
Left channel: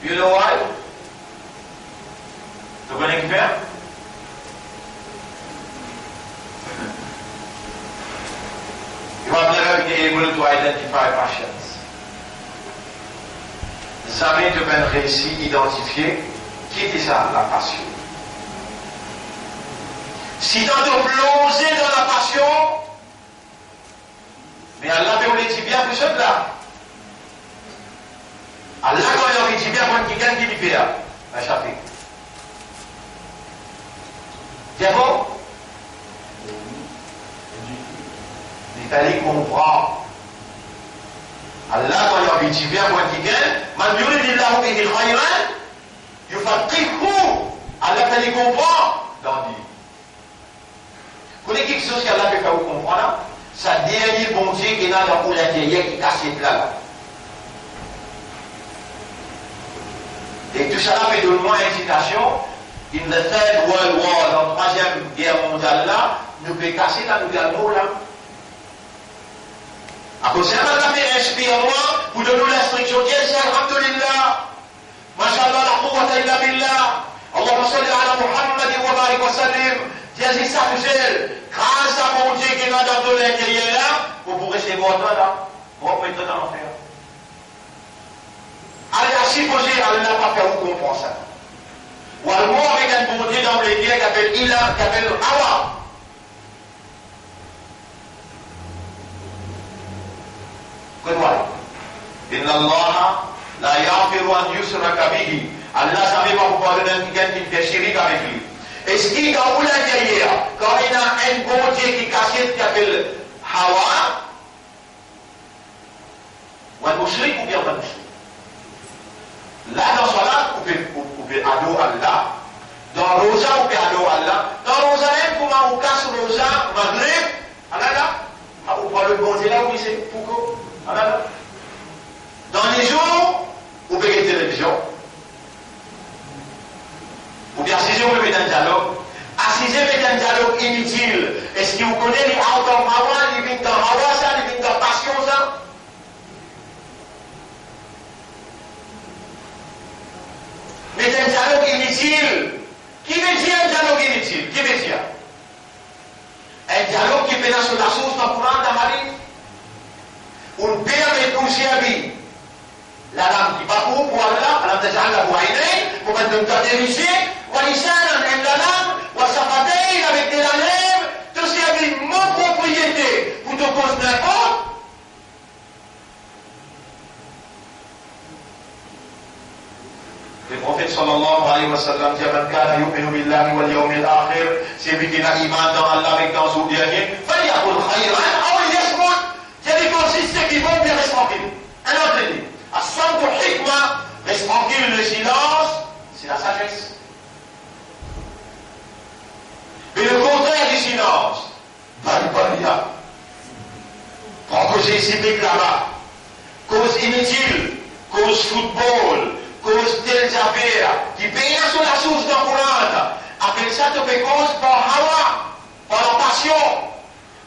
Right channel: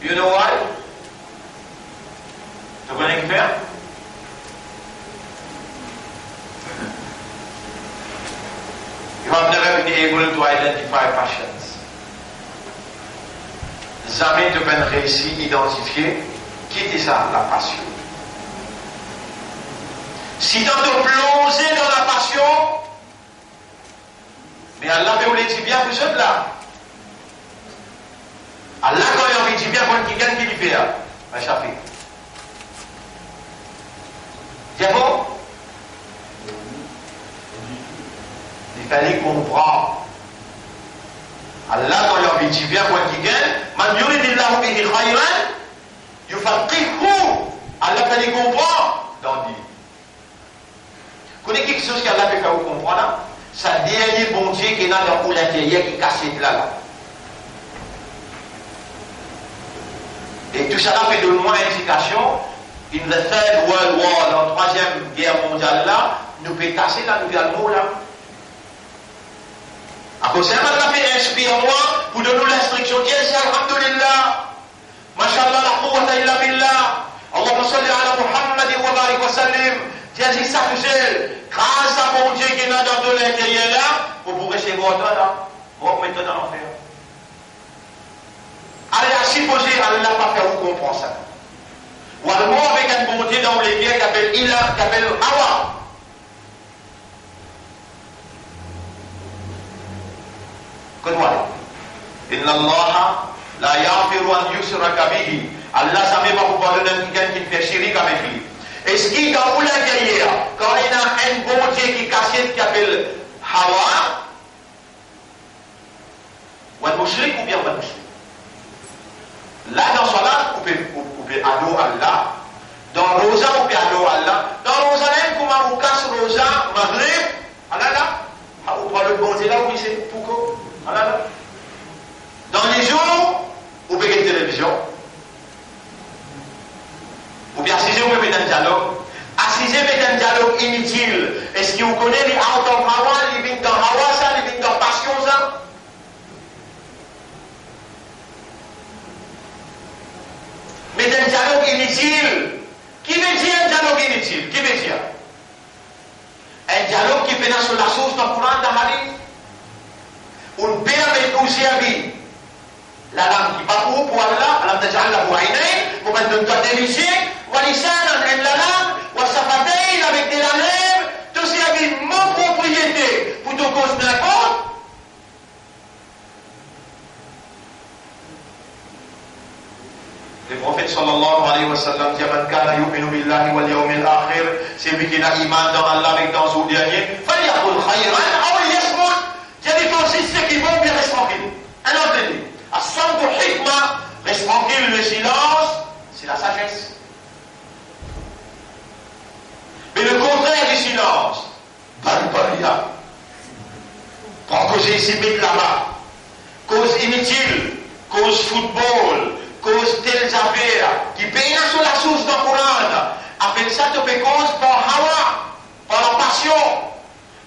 You know why? Tu connais qui faire? You have never been able to identify passions. Jamais tu peux réussir à identifier qui est ça, la passion. Si tu te plongé dans la passion, mais Allah veut le dire bien pour ceux là. Allah quand il dit bien pour quelqu'un qui lui fait, un chapitre. C'est bon? Il fallait comprendre. Allah quand il dit bien pour quelqu'un, man yuridillahu bihi khayran, yufaqihu. Allah fallait comprendre dans dit. Vous connaissez quelque chose qu'Allah fait vous comprendre? Ça dit bon Dieu qui est dans l'intérieur qui casse là. Et tout ça fait de moi indication, in the Third World War, dans la troisième guerre mondiale là, nous pouvons casser la nouvelle mot là. Après ça, Allah fait inspire-moi pour donner l'instruction. Dieu, c'est Alhamdulillah. Mashallah, la quwwata illa billah. Allahumma salli ala Muhammad wa barik wa sallim. Dieu dit ça tout seul. Grâce à mon Dieu qui est dans l'intérieur là, vous pourrez recevoir votre là. Vous mettez dans l'enfer. Allez, à supposer, Allah n'a pas fait vous comprendre ça. Ou alors avec un bon Dieu dans les guerres qui appelle Ilah, qui appelle Hawa. Qu'est-ce Inna Allah la yaghfiru an yushraka bihi. Allah ne savait pas pourquoi quelqu'un qui fait chirik avec lui. Et ce qui est dans l'intérieur, quand il y a un bon Dieu qui cache, qui appelle Hawa, ou un mushrik ou bien un mushrik. Là, dans ce là, vous pouvez adorer Allah. Dans Rosa, vous pouvez adorer Allah. Dans Rosa, comment vous casse Rosa, Maghreb, Allah là, vous prenez le bon Dieu là, oui, c'est pourquoi? Allah là. Dans les jours, vous pouvez une télévision. Ou bien assisez, vous pouvez un dialogue. Assisez avec un dialogue inutile. Est-ce que vous connaissez les out of Hawa, les vignes dans Hawa, ça, les vignes dans passion, ça? Mais un dialogue inutile. Qui veut dire un dialogue inutile? Qui veut dire? Un dialogue qui fait sur la source dans le Coran, dans la Hadith. Un père avec pour servir. La dame qui va pour Allah, Allah te ja'ala pour Aïnaï, pour mettre une tête dirigée, ou Alisan, en la langue, ou Safatei, avec des lèvres, tout ça avec mon propriété, pour te cause n'importe. Le prophète sallallahu alayhi wa sallam dit man kana yu'minu billahi wal yawmil akhir, c'est lui qui a iman dans Allah avec dans son dernier, falyaqul khayran aw liyasmut. C'est-à-dire qu'aussi ceux qui vont bien rester tranquilles. Un autre dit, as-samtu hikma, reste tranquille, le silence, c'est la sagesse. Mais le contraire du silence, balbalia. Prends cause ici, mais là-bas, cause inutile, cause football, cause telles affaires, qui payent sur la source d'un Coran. Avec ça, tu fais cause par hawa, par la passion.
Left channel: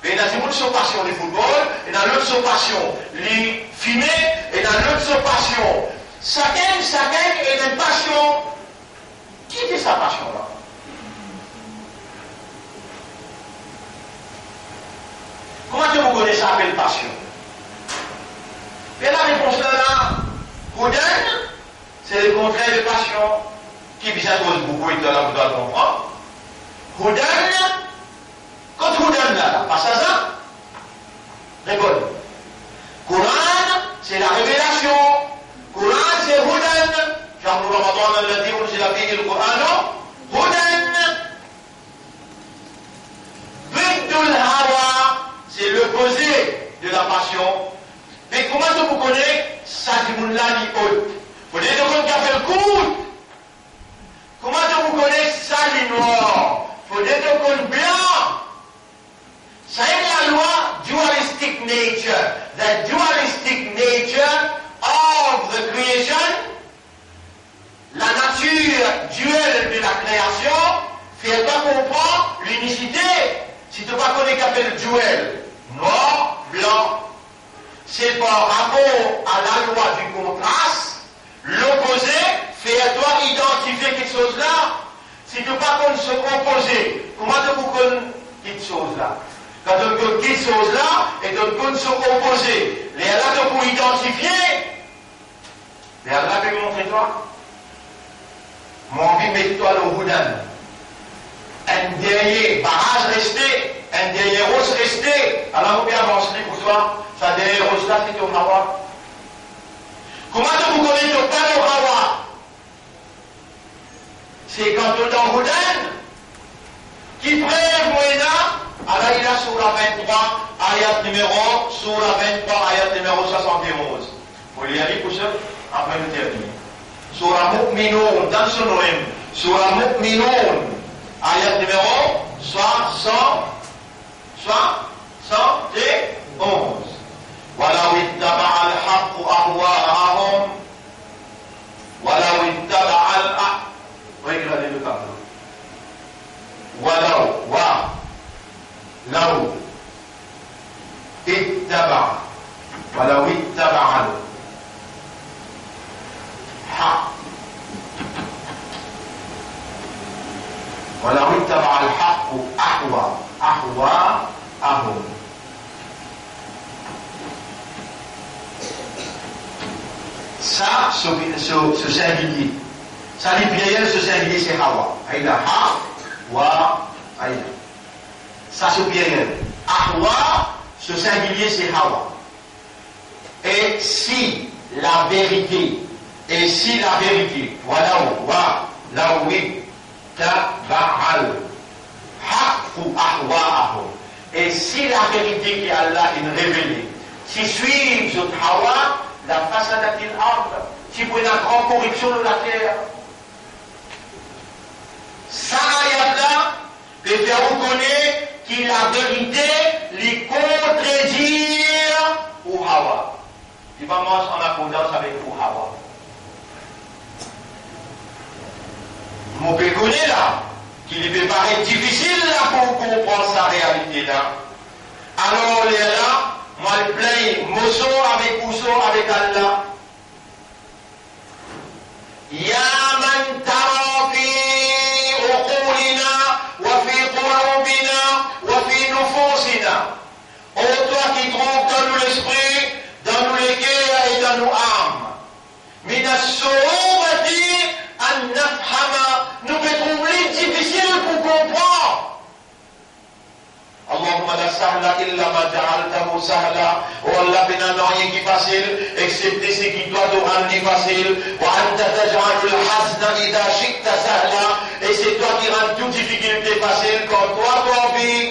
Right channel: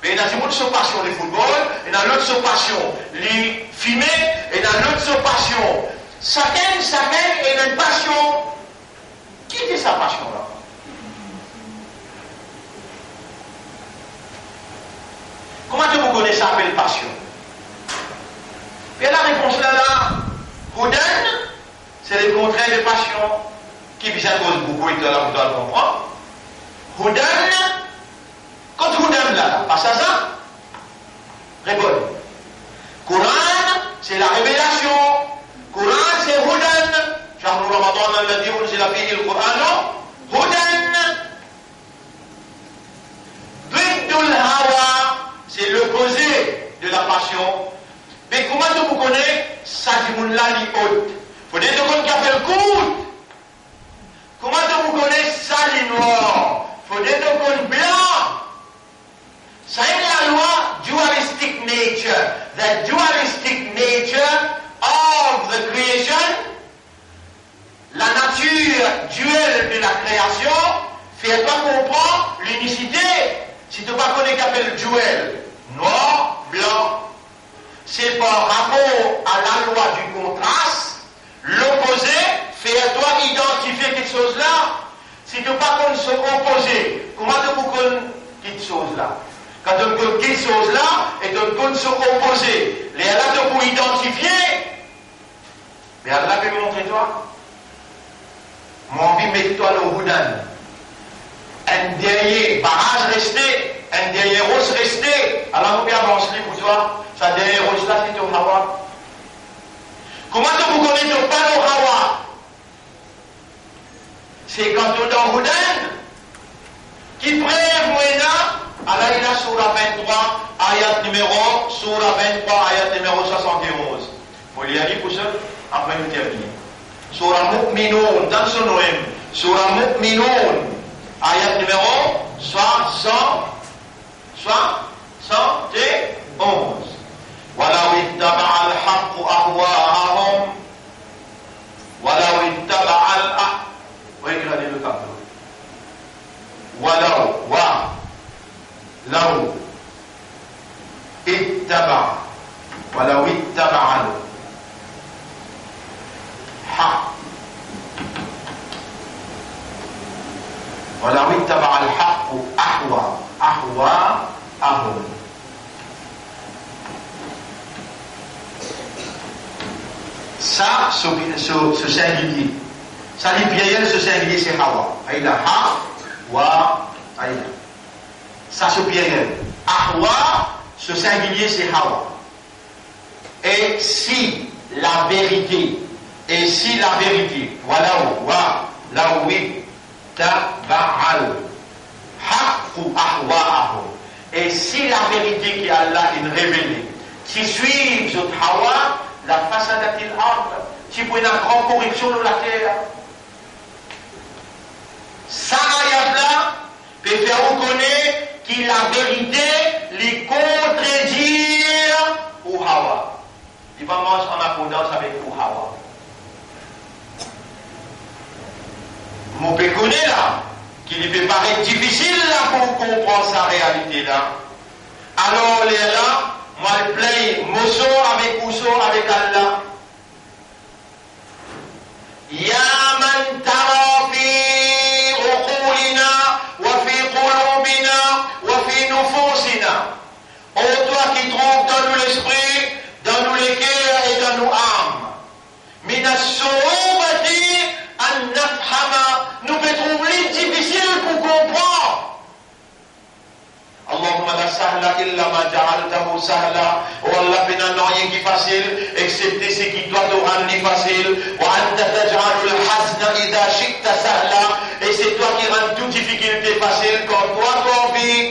Mais il y a des gens qui sont passion le football, il y en a l'autre sont passion les fumer, et il y en a l'autre sont passion. Chacun a une passion. Qui est sa passion là? Comment vous connaissez ça appelle passion? Et la réponse là, Houdan, c'est le contraire de passion, qui vise à cause beaucoup et de là vous doit comprendre. Houdan, quand Houdan là, pas ça, réponds. Coran, c'est la révélation. Coran, c'est Houdan. Genre, le Ramadan, on l'a dit, c'est la vie du Coran. Houdan. Bidul Hawa, c'est l'opposé de la passion. Mais comment vous connaissez ça qui vous l'a là, li haute. Faut dire de monde qui a fait le coup. Comment vous connaissez ça, les noirs? Faut dire de monde blanc. Ça est la loi dualistic nature. The dualistic nature of the creation. La nature duelle de la création fait pas comprendre l'unicité. Si tu ne pas connais qu'appelle duel, noir, blanc, c'est par rapport à la loi du contraste, l'opposé fait à toi identifier quelque chose là. Si tu ne pas connais ce opposé, comment tu vous connais quelque chose là? Quand tu connais quelque chose là, et tu connais ce opposé, les là tu peux identifier, mais Allah peut montrer toi. Mon envie mets-toi le Houdan. Un dernier barrage resté, un dernier rose resté. Alors, vous bien avancer pour toi. Ça dernier rose là, c'est au Hawa. Comment vous connaissez pas le Hawa? C'est quand on est dans Houdan qui prélève là. Alors, il a Surah 23, ayat numéro, Surah 23, ayat numéro 71. Vous l'y aller pour ça? Après, nous terminons. Surah Mu'minun, dans son nom, Surah Mu'minun, ayat numéro 111. ولو اتبع الحق أهواءهم ولو اتبع الحق ولو اتبع الحق ولو اتبع الحق أهواءهم. Ça, ce singulier. Ça, les pluriels, ce singulier, c'est Hawa. Aïda, Hawa, Aïda. Ça, ce pluriel. Ahwa, ce singulier, c'est Hawa. Et si la vérité, voilà où, là où, taba'al, haqqu ahwa'ahum. Et si la vérité qui Allah est révélée, qui suit ce Hawa, la façade il arbre, si vous avez une grande corruption de la terre. Ça, ayat-là, peut faire reconnaître que la vérité les contredire ou Hawa. Il va manger en accordance avec ou Hawa. Mon peut connaître là, qu'il peut paraître difficile là pour comprendre sa réalité là. Alors, les là, moi, je plains, mosso avec Ousso, avec Allah. Ya man tara fi uqulina wa fi qulubina wa fi nufusina. Oh, toi qui trouves dans nous l'esprit, dans nous les cœurs et dans nos âmes. Mina sourati an nafhama. Nous pouvons trouver difficile pour comprendre. Allahumma la sahla illa ma ja'altahu sahla. Oh Allah, il n'y a rien qui est facile, excepté ce qui doit te rendre facile. Wa anta taj'alul hazna idha shi'ta sahla. Et c'est toi qui rends toute difficulté facile comme toi, ton vie.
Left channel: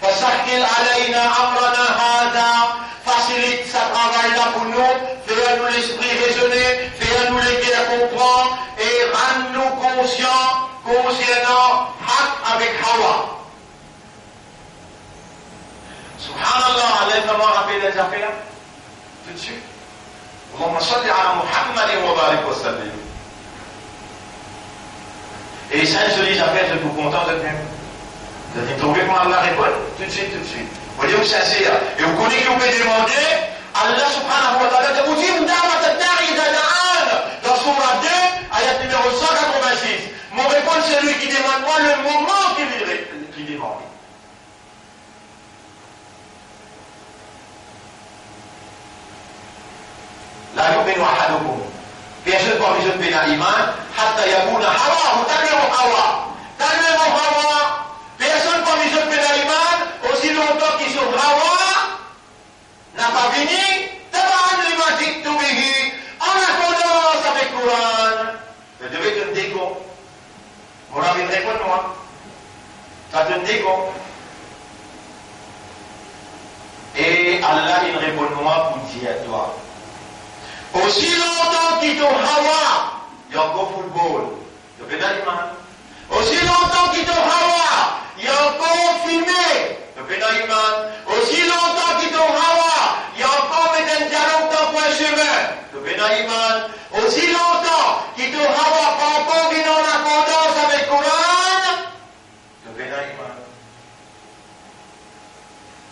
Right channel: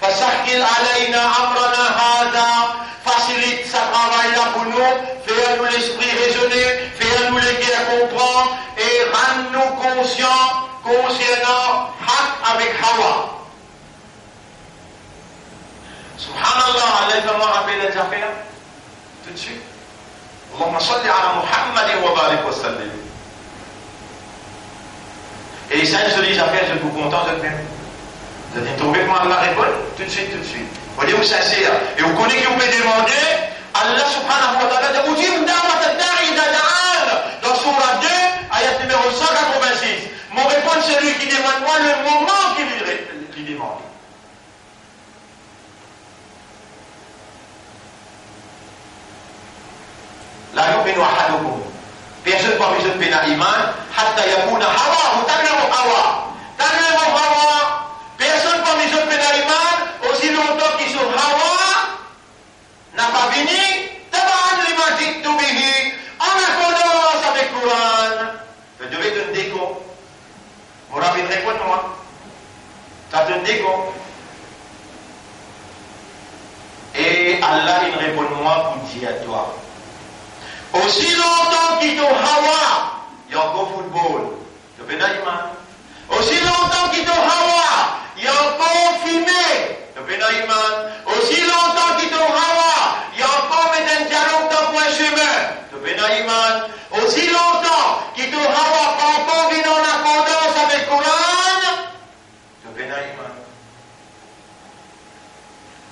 Fasahkil alayna amrana hada. Facilite ce travail-là pour nous. Fais-nous l'esprit raisonner, fais-nous les cœurs comprendre et rends-nous conscients concernant Haq avec Hawa. Subhanallah, Allah va me rappeler les affaires tout de suite. Allahumma salli ala Muhammadin wa barik wa sallim. Et les saints se disent affaires, je suis content de le faire. Vous allez trouver comment Allah répond tout de suite. Vous voyez où c'est sincère. Et vous connaissez qui vous pouvez demander, Allah subhanahu wa ta'ala vous dit, dans Surah 2, ayat numéro 186. Mon réponse, c'est celui qui demande moi le moment qu'il demande. لا يؤمن أحدكم بيشد بمجد بين الإيمان حتى يكون هواه تنمو هوا بيشد بمجد بين الإيمان aussi longtemps qu'ils sont hawa n'a pas fini taban lima jittu bihi en accordance avec le Coran. Je devais te dire quoi vous avez une réponse moi ça te dit quoi et Allah il répond moi pour dire à toi Aussi longtemps qu'il y a Hawa, il y a encore football. Il y a iman. Aussi longtemps qu'il y a Hawa, il y a encore fumée. Il y a iman. Aussi longtemps qu'il y a Hawa, il y a encore mettre un dialogue dans un chemin. Il y a iman. Aussi longtemps qu'il y a Hawa, pas encore venu en accordance avec le Coran. Il y a iman.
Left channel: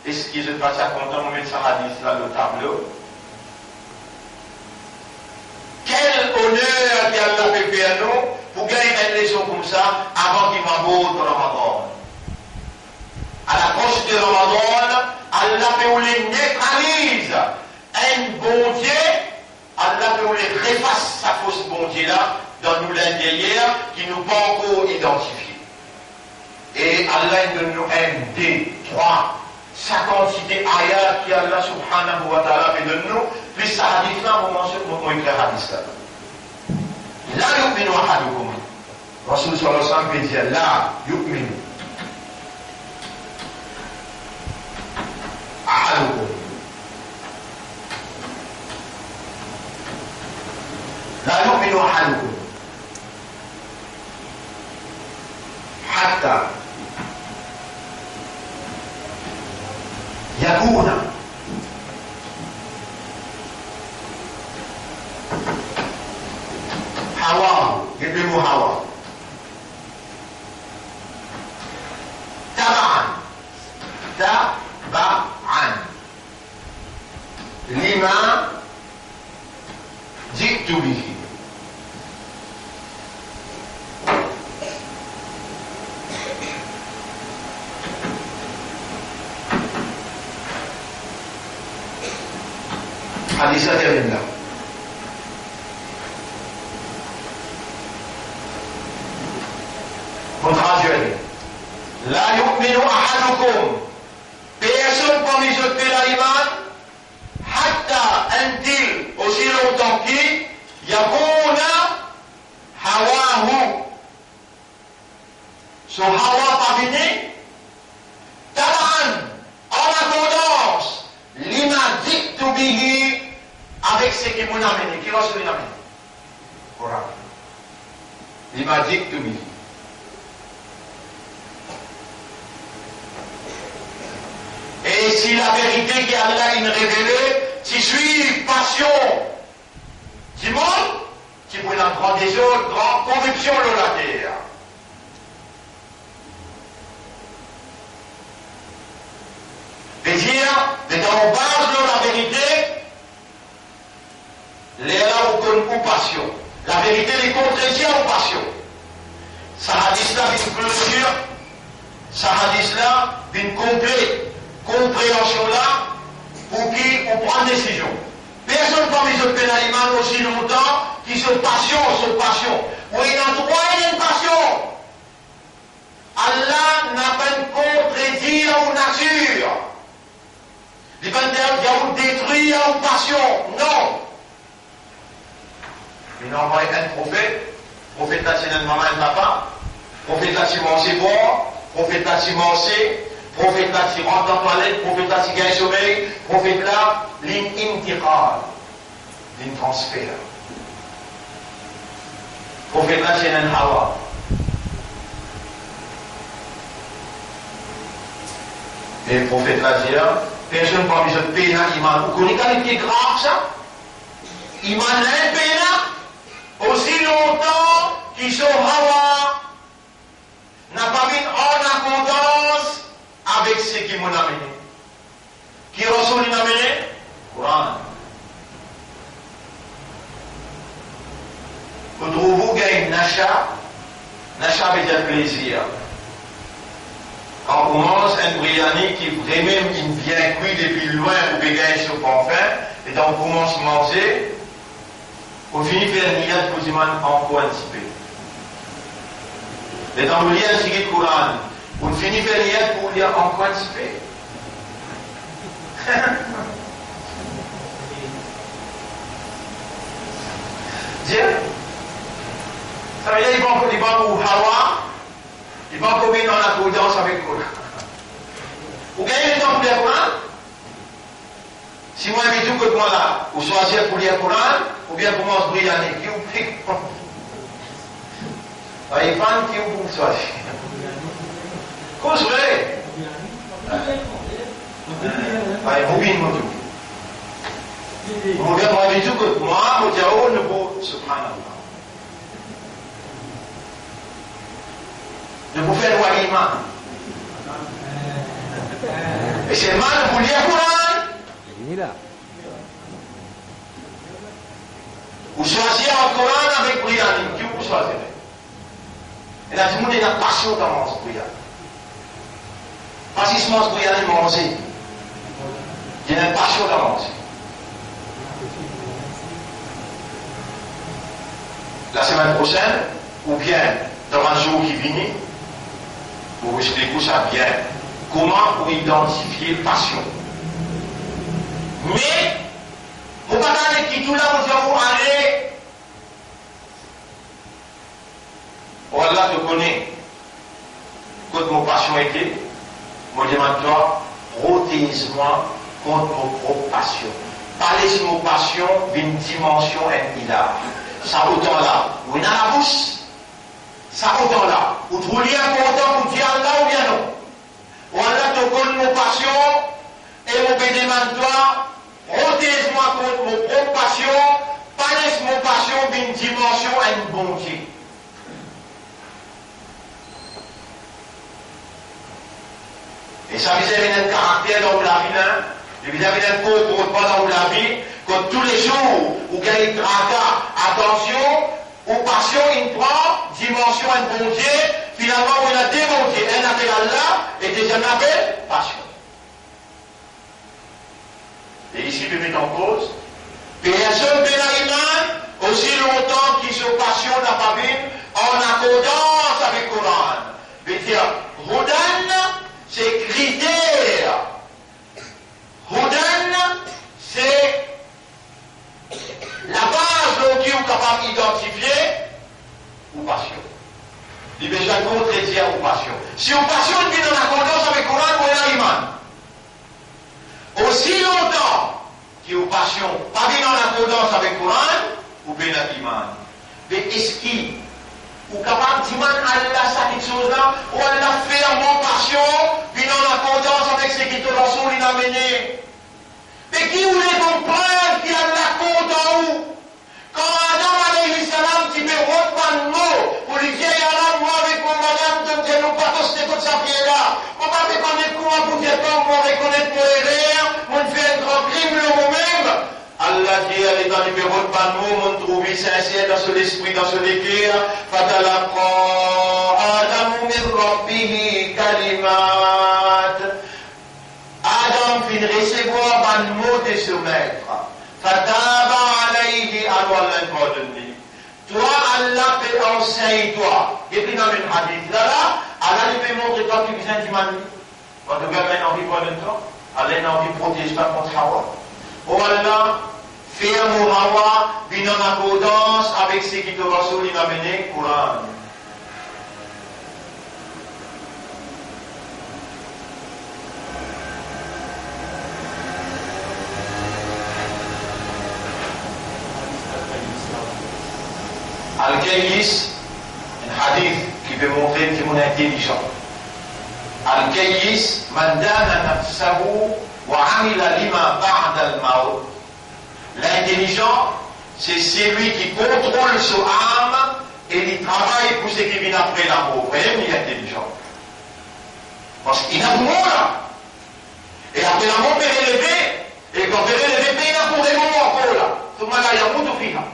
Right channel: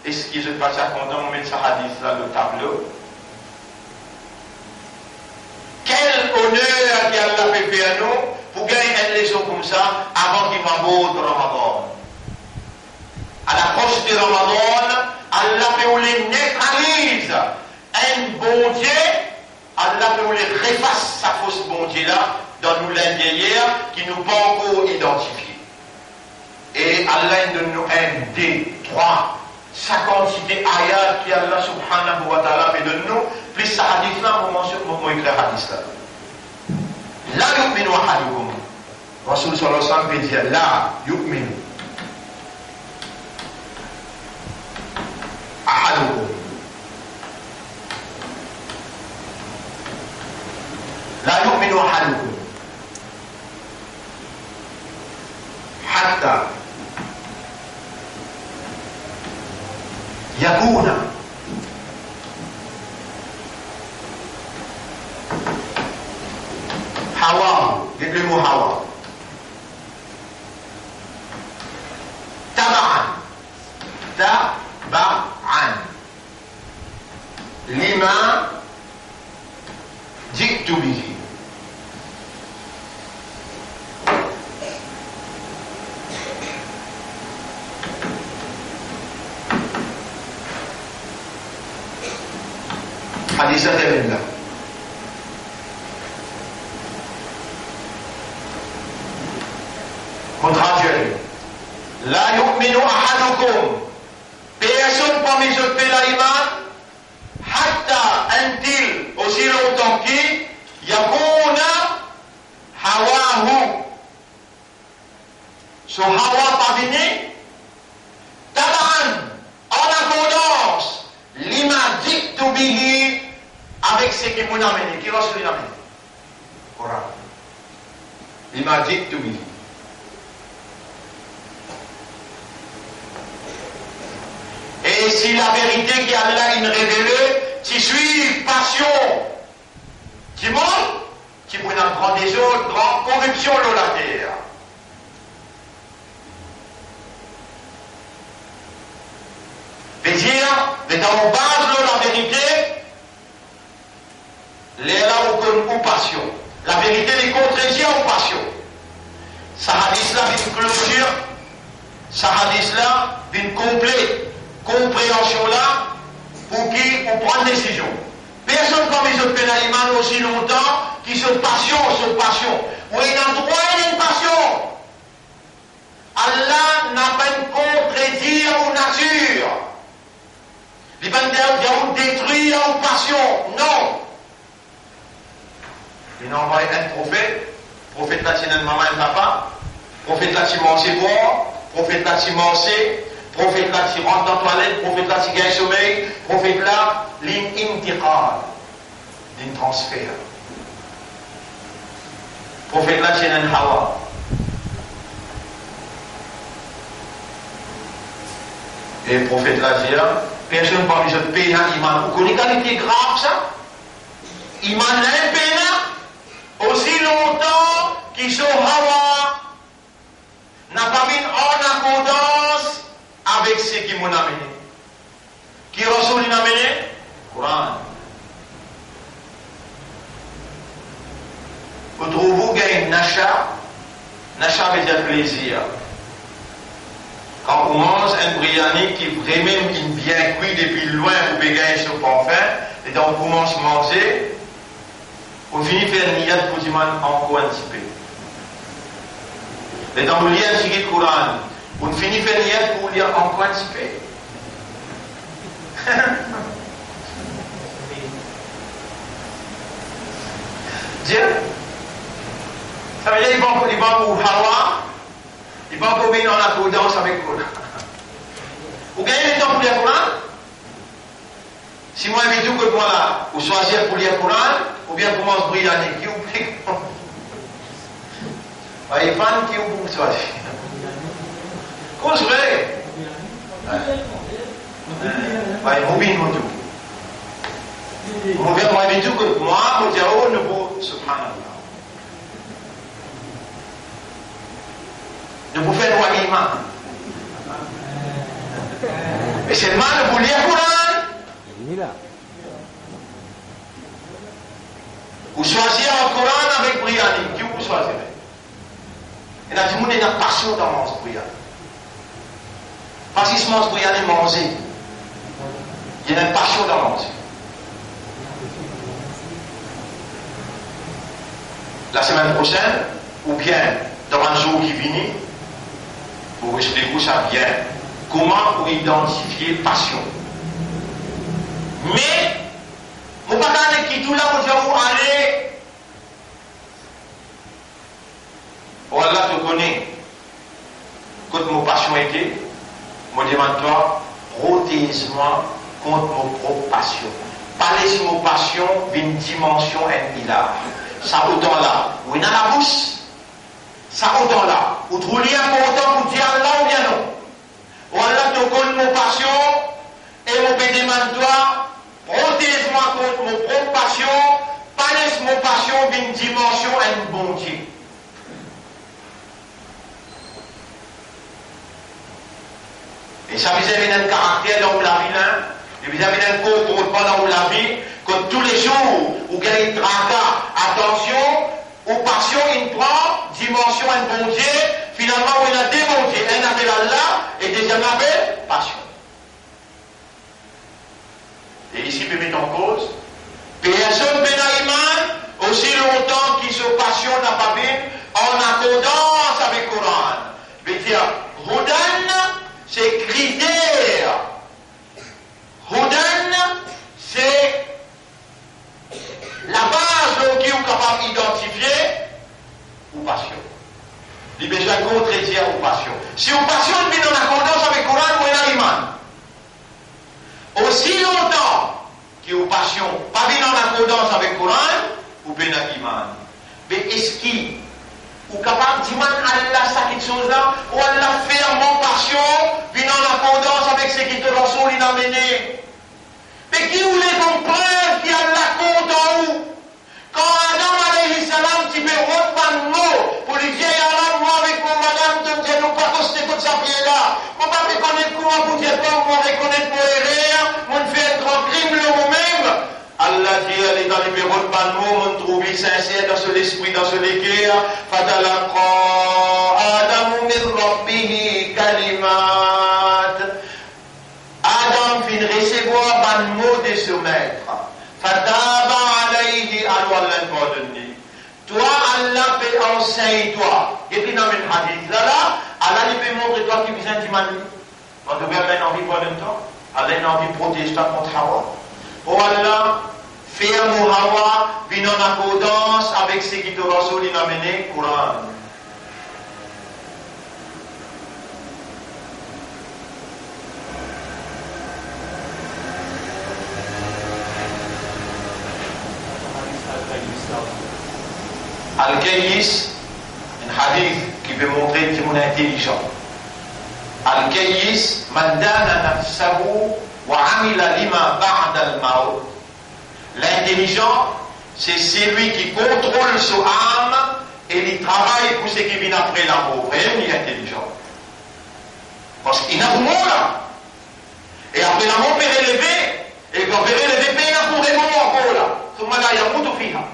Est-ce qu'il se passe à content, on met ça hadith là, le tableau? Quel honneur qu'Allah fait faire nous pour gagner une leçon comme ça avant qu'il m'aborde le Ramadan. À l'approche du Ramadan, Allah peut les neutralise un bon Dieu, Allah peut les réfasse sa fausse bon Dieu là dans nous l'intérieur qui nous pas encore identifié. Et Allah donne nous un, deux, trois, sa quantité ayat qui Allah subhanahu wa ta'ala fait de nous, plus sa hadith là, on mentionne comment écrire hadith là. La yu'minu ahadukum. Rasul sallallahu alayhi wa sallam peut dire la yu'minu ahadukum. La yu'minu ahadukum. Hatta yakuna hawa, le mot hawa taba'an lima ji'tu bihi. Hadis ada. Contradire. La yu'minu ahadukum. Personne parmi eux fait l'iman. Hatta until aussi longtemps qu'il yakuna hawahu. Son hawa pas venu. Taban. En accordance. Lima dictu bihi. Avec ce qui m'a amené. Qui va se l'amener? Coran. Lima dictu bihi. Et si la vérité qu'Allah il révélée, tu suis passion du monde, qui prend une grande désordre, grande corruption de la terre. C'est-à-dire, mais dans la base de la vérité, les là ou passion. La vérité les contredit en passion. Ça hadith là une clôture, ça hadith là une complète compréhension là pour qui on prend une décision. Personne comme ils ont fait l'animal aussi longtemps qui se passion. Où il a droit à une passion. Allah n'a pas contredit aux nature. Il va dire détruire aux passion. Non. Il a envoyé un prophète là c'est un maman et papa, prophète là c'est manger boire, prophète là c'est manger, prophète là c'est rentre dans la toilette, prophète là c'est gagne sommeil, prophète là l'intiqal, l'intransfert. Prophète là c'est un hawa. Et le prophète là dit, personne parmi ce pays là, iman. Vous connaissez qualité grave ça? Iman là, pays là, aussi longtemps qu'ils sont hawa, n'a pas mis en accordance avec ce qui m'ont amené. Qui Rasoul l'a amené? Coran. Vous trouvez qu'il y a une nacha veut dire plaisir. Quand on mange un biryani qui vraiment bien cuit depuis loin pour bégayer sur le parfum, et donc on commence à manger, on finit par faire une niat pour dire encore un petit peu. Et donc on lit un petit peu le Coran, on finit par faire une niat pour lire encore un petit peu. Dieu, ça veut dire qu'il va pour Hawa. Il va encore venir dans la prudence avec vous. Vous gagnez du temps pour lire le Coran? Si moi, je dis que moi là, vous choisissez pour lire le Coran, bien commence Brianne, qui vous plaît. Il y a fan qui vous plaît. Cause vrai. Vous bien, mon tout. Mon bien, moi, je dis que moi, je dis, oh, ne vous subhanallah. De vous faire voir l'imam. Et c'est le mal de vous lire le Coran. Vous choisissez un Coran avec Brianne. Qui vous choisissez? Et là, tout le monde a une passion dans mon Brianne. Pas si je mange Brianne et manger. Il y a une passion dans manger. La semaine prochaine, ou bien dans un jour qui vient, pour vous expliquer ça bien, comment vous identifier passion. Mais, vous ne pouvez pas qui tout là, vous allez, oh Allah te connaît, quand mon passion était, moi demande toi, protège-moi contre mon propre passion. Parler sur mon passion d'une dimension là. Ça autant là, ou il a la bouche, ça autant là, ou tu lis important pour dire là ou bien non. Ou Allah te connaît mon passion, et mon demande toi, protège-moi contre mon propre passion, parler sur mon passion d'une dimension bonté. Et ça vous avez un caractère dans la vie, et vous avez un contrôle pendant la vie, que tous les jours, vous gagnez tracas, attention, ou passion, il prend, dimension, un bon Dieu, finalement, il a démonté, un appel Allah, et deuxième appel, passion. Et ici, peut mettre en cause, personne Benaïman, aussi longtemps qu'il se passionne la famille, en accordance avec le Coran. veut dire, Hudan, c'est critère. Hudan, c'est la base qui est capable d'identifier ou passion. Il y a besoin de contredire ou passion. Si on passion est en accordance avec le Coran, on a l'iman. Aussi longtemps que vous passion pas bien en accordance avec le Coran, vous pouvez l'iman. Mais est-ce qu'il ou capable de dire Allah ça quelque chose là, ou Allah fait mon passion, bien en accordance avec ce qui te Rasoul il a mené. Mais qui voulait comprendre qu'il y a la compte en haut? Quand Adam alayhi salam, tu peux reprendre un mot pour lui dire, Allah, moi avec mon madame, de dire, nous pas tous les ça pied là. On va reconnaître comment pour dire, on va reconnaître mon erreur, on fait un grand crime le même. Allah dit, elle est dans les bureaux de Banmo, on trouve sincère dans son esprit, dans son équerre. Fatalaqa Adam min rabbihi kalimat. Adam vient recevoir Banmo de ce maître. Fataba alayhi al-walladni. Toi, Allah peut enseigner toi. Et puis dans le hadith là, Allah lui peut montrer toi qui vient d'humanité. Quand tu veux avoir envie pour le temps, Allah a envie de protéger toi contre Hawa. Oh Allah, fais un Hawa, bien en accordance avec ce qui te Rasoul il a mené, Coran. Al-Kayyis, un hadith qui peut montrer que mon intelligent. Al-Kayyis, man dana nafsahu wa amila lima ba'da al-maut. L'intelligent, c'est celui qui contrôle son âme et il travaille pour ce qui vient après la mort. Voyez, il est intelligent. Parce qu'il a pour là. Et après la mort, il est élevé. Et quand il est élevé, il a pour les moments encore là. Tout le monde a yamout ou fiha.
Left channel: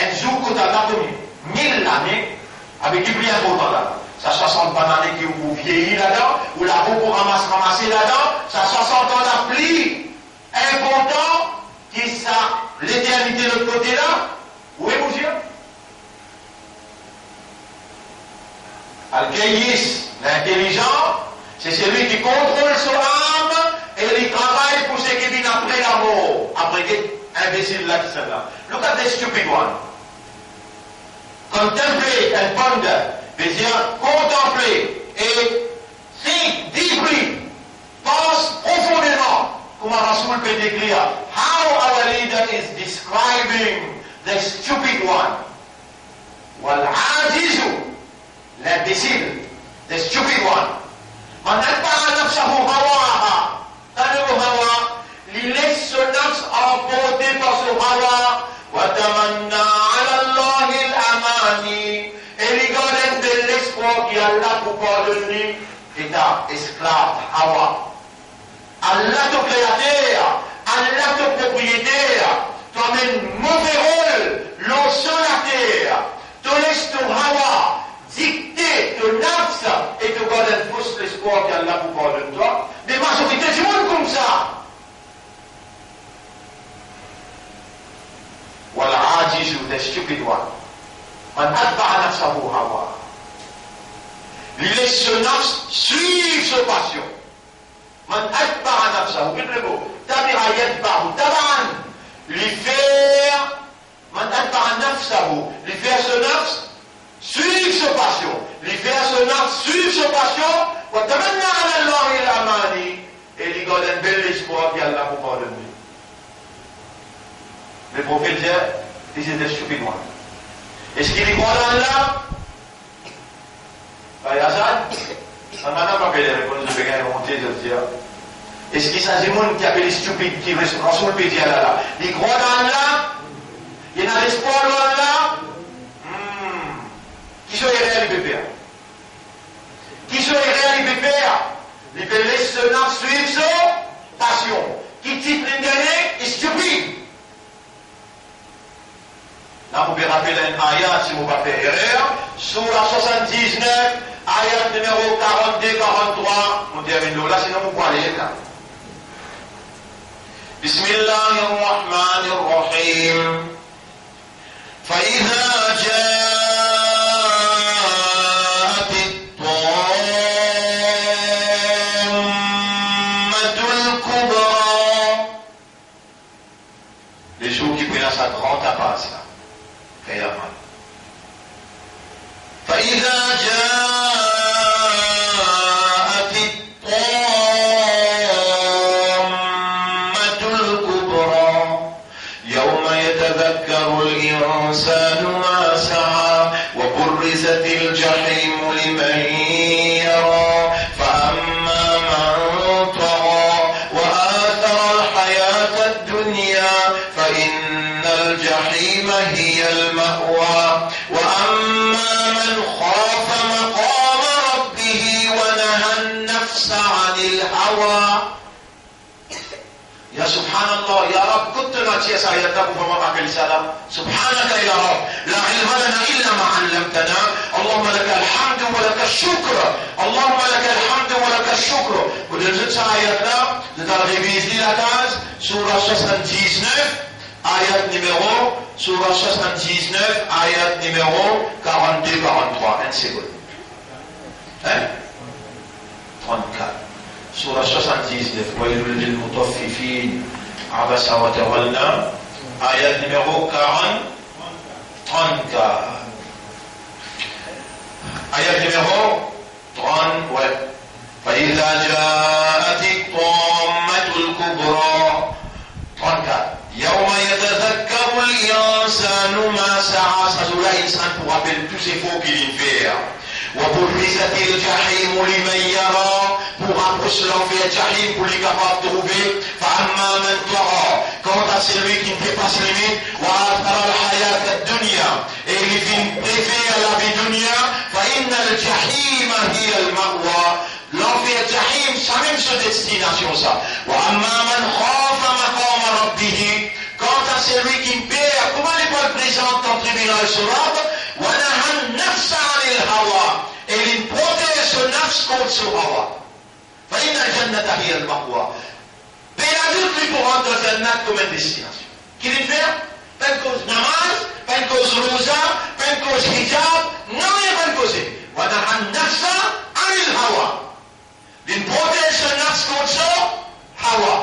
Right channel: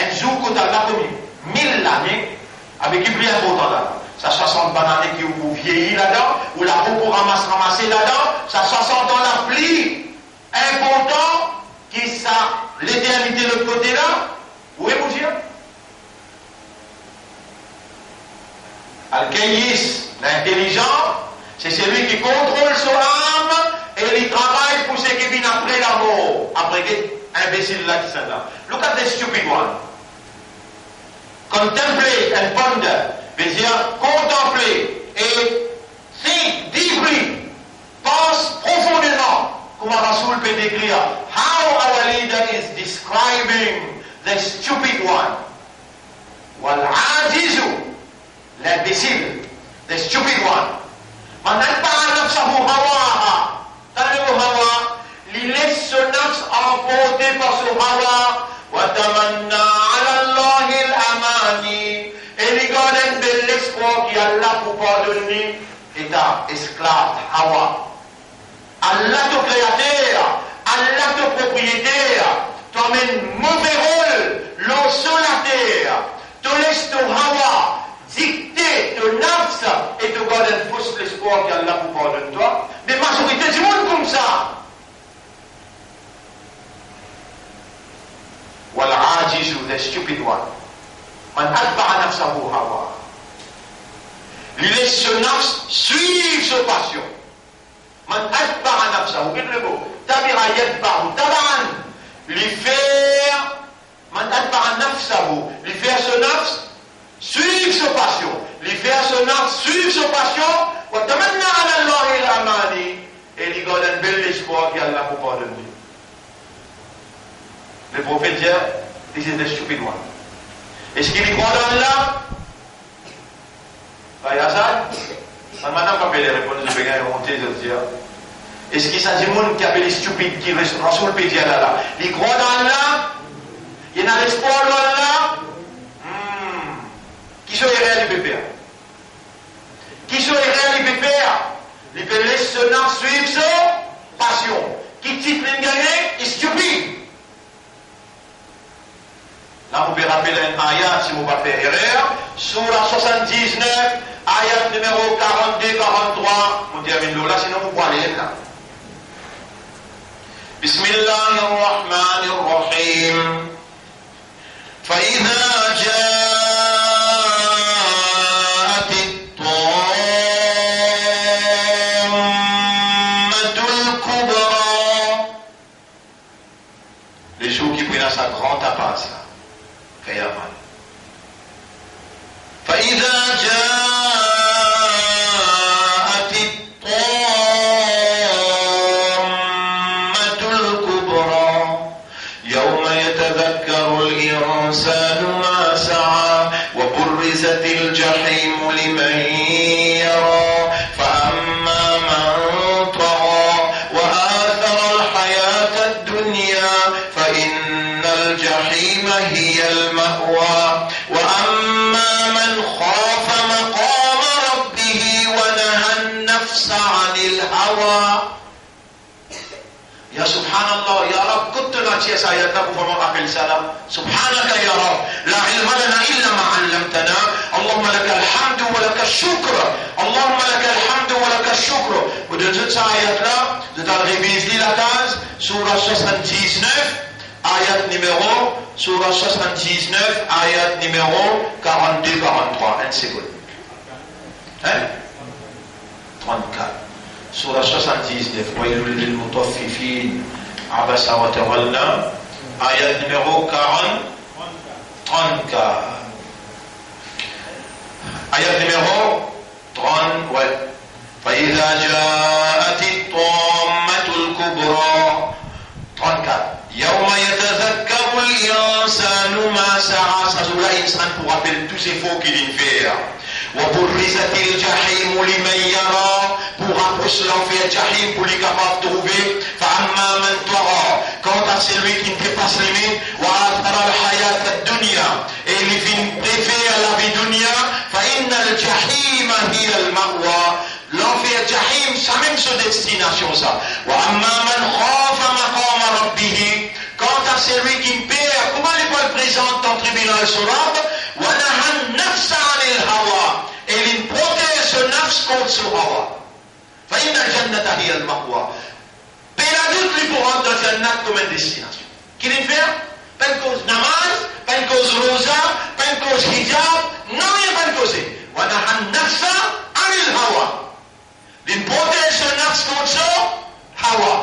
Un jour, quand on a connu 1000 années, avec du plus important là. Ça 60 bananes qui vous vieillit là-dedans, ou la peau pour ramasser là-dedans, ça 60 ans la pluie important, qui ça, l'éternité de l'autre côté là, où est-vous dire? Al-Kayyis, l'intelligent, c'est celui qui contrôle son âme et il travaille pour ce qui vient après la mort. Après que imbécile là qui sont là. Look at the stupid one. Contempler and ponder, veut dire contempler et think deeply, pense profondément, comme Rasoul peut décrire, how our leader is describing the stupid one. والعاجز l'imbécile, the stupid one. من أتبع نفسه هواها. تنبو هوا il laisse son nafs emporter par son hawa. وتمنى على الله الأماني. Et il garde de l'espoir qui Allah pour pardonner. Et ta esclave Hawa. Allah ton créateur, Allah ton propriétaire, t'emmène mauvais rôle, l'eau sur la terre, te laisse ton Hawa dicter ton nafs et te garde un fausse l'espoir qu'Allah vous pardonne toi. Mais majorité du monde comme ça. والعاجز the stupid one. من أتبع نفسه هواه. Il laisse son nafs suivre sa passion. من أتبع نفسه بالربو تبع يتبع تبعا لفير من أتبع نفسه لفير son nafs suivre sa passion لفير son nafs suivre sa passion وتمنى على الله الأماني et il garde un bel espoir qu'Allah vous pardonne. Le prophète dit this is the stupid one. Est-ce qu'il y croit dans Allah? Ça m'a pas appelé les réponses de Bégaï monter de dire. Est-ce qu'il s'agit de monde qui appelle les stupides qui restent dans son pays là? Il croit dans Allah? Il y a l'espoir dans Allah? Qui sont les réels du pépère? Qui sont les réels du pépère? Il peut laisser son âme suivre sa passion. Qui titre l'engagné est stupide. Là, vous pouvez rappeler un ayat si vous ne faites pas erreur. Surah 79, ayat numéro 42-43. On termine là, sinon vous pouvez aller là. Bismillahirrahmanirrahim. فإذا جاءت الطامة الكبرى. Les jours qui prennent sa grande tapasse là. فإذا جاءت الطامة الكبرى يوم يتذكر الإنسان ما سعى وبرزت الجحيم لمن يرى فأما من طغى وآثر الحياة الدنيا فإن الجحيم هي المأوى وأما من خاف مقام ربه ونهى النفس عن الهوى. يا سبحان الله يا رب كنت ناتي سايرتك فما أقل سلام سبحانك يا رب لا علم لنا إلا ما علمتنا اللهم لك الحمد ولك الشكر اللهم لك الحمد ولك الشكر. ودنزل سايرتنا لترغيبي la case surah 79 ayat numéro surah 79 ayat numéro 42-43 une seconde hein 34 surah 79 ويل للمطففين عبس وتولى ayat numéro 34 ayat numéro 30 ouais. فإذا جاءت الطامة الكبرى 34 يوم يتذكر الإنسان ما سعى. Ça joue là, l'insan pour rappeler tous ces faux qu'il vient faire. وبرزت الجحيم لمن يرى pour rapprocher l'enfer jahim pour les capables de trouver. فأما من طغى quant à celui qui ne peut pas se limiter وآثر الحياة الدنيا et il vient préférer la vie dunya فإن الجحيم هي المأوى. L'enfer jahim, c'est même sa destination ça. وأما من خاف مقام ربه quant à celui qui perd, comment il va le présenter en tribunal sur l'arbre ونهى النفس عن الهوى et il protège son nafs contre son hawa. فإن الجنة هي المأوى. Mais l'adulte lui pour rendre le jannat comme une destination. Qu'il y fait? Pas une cause namaz, pas une cause rosa, pas une cause hijab, non, il n'y a pas une cause. ونهى النفس عن الهوى. Il protège son nafs contre son hawa.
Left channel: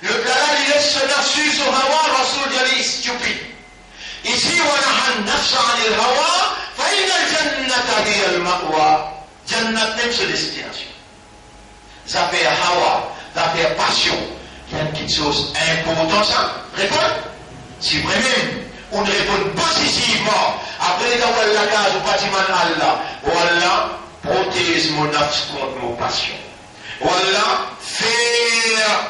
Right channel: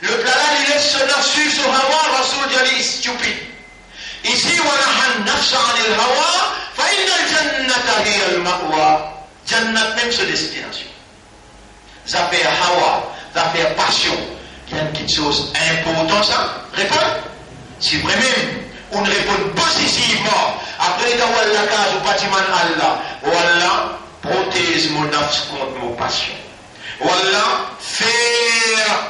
Le plat il laisse son nafs suivre son hawa, Rasoul dit stupide. Ici, ونهى النفس عن الهوى فإن الجنة هي المأوى. Jannat même sa destination. Ça fait hawa, ça fait passion. Il y a quelque chose d'important ça. Réponds. C'est vrai même. on répond positivement. Après, dans la case, ou bâtiment Allah, voilà, protège mon nafs contre mon passion. Voilà, faire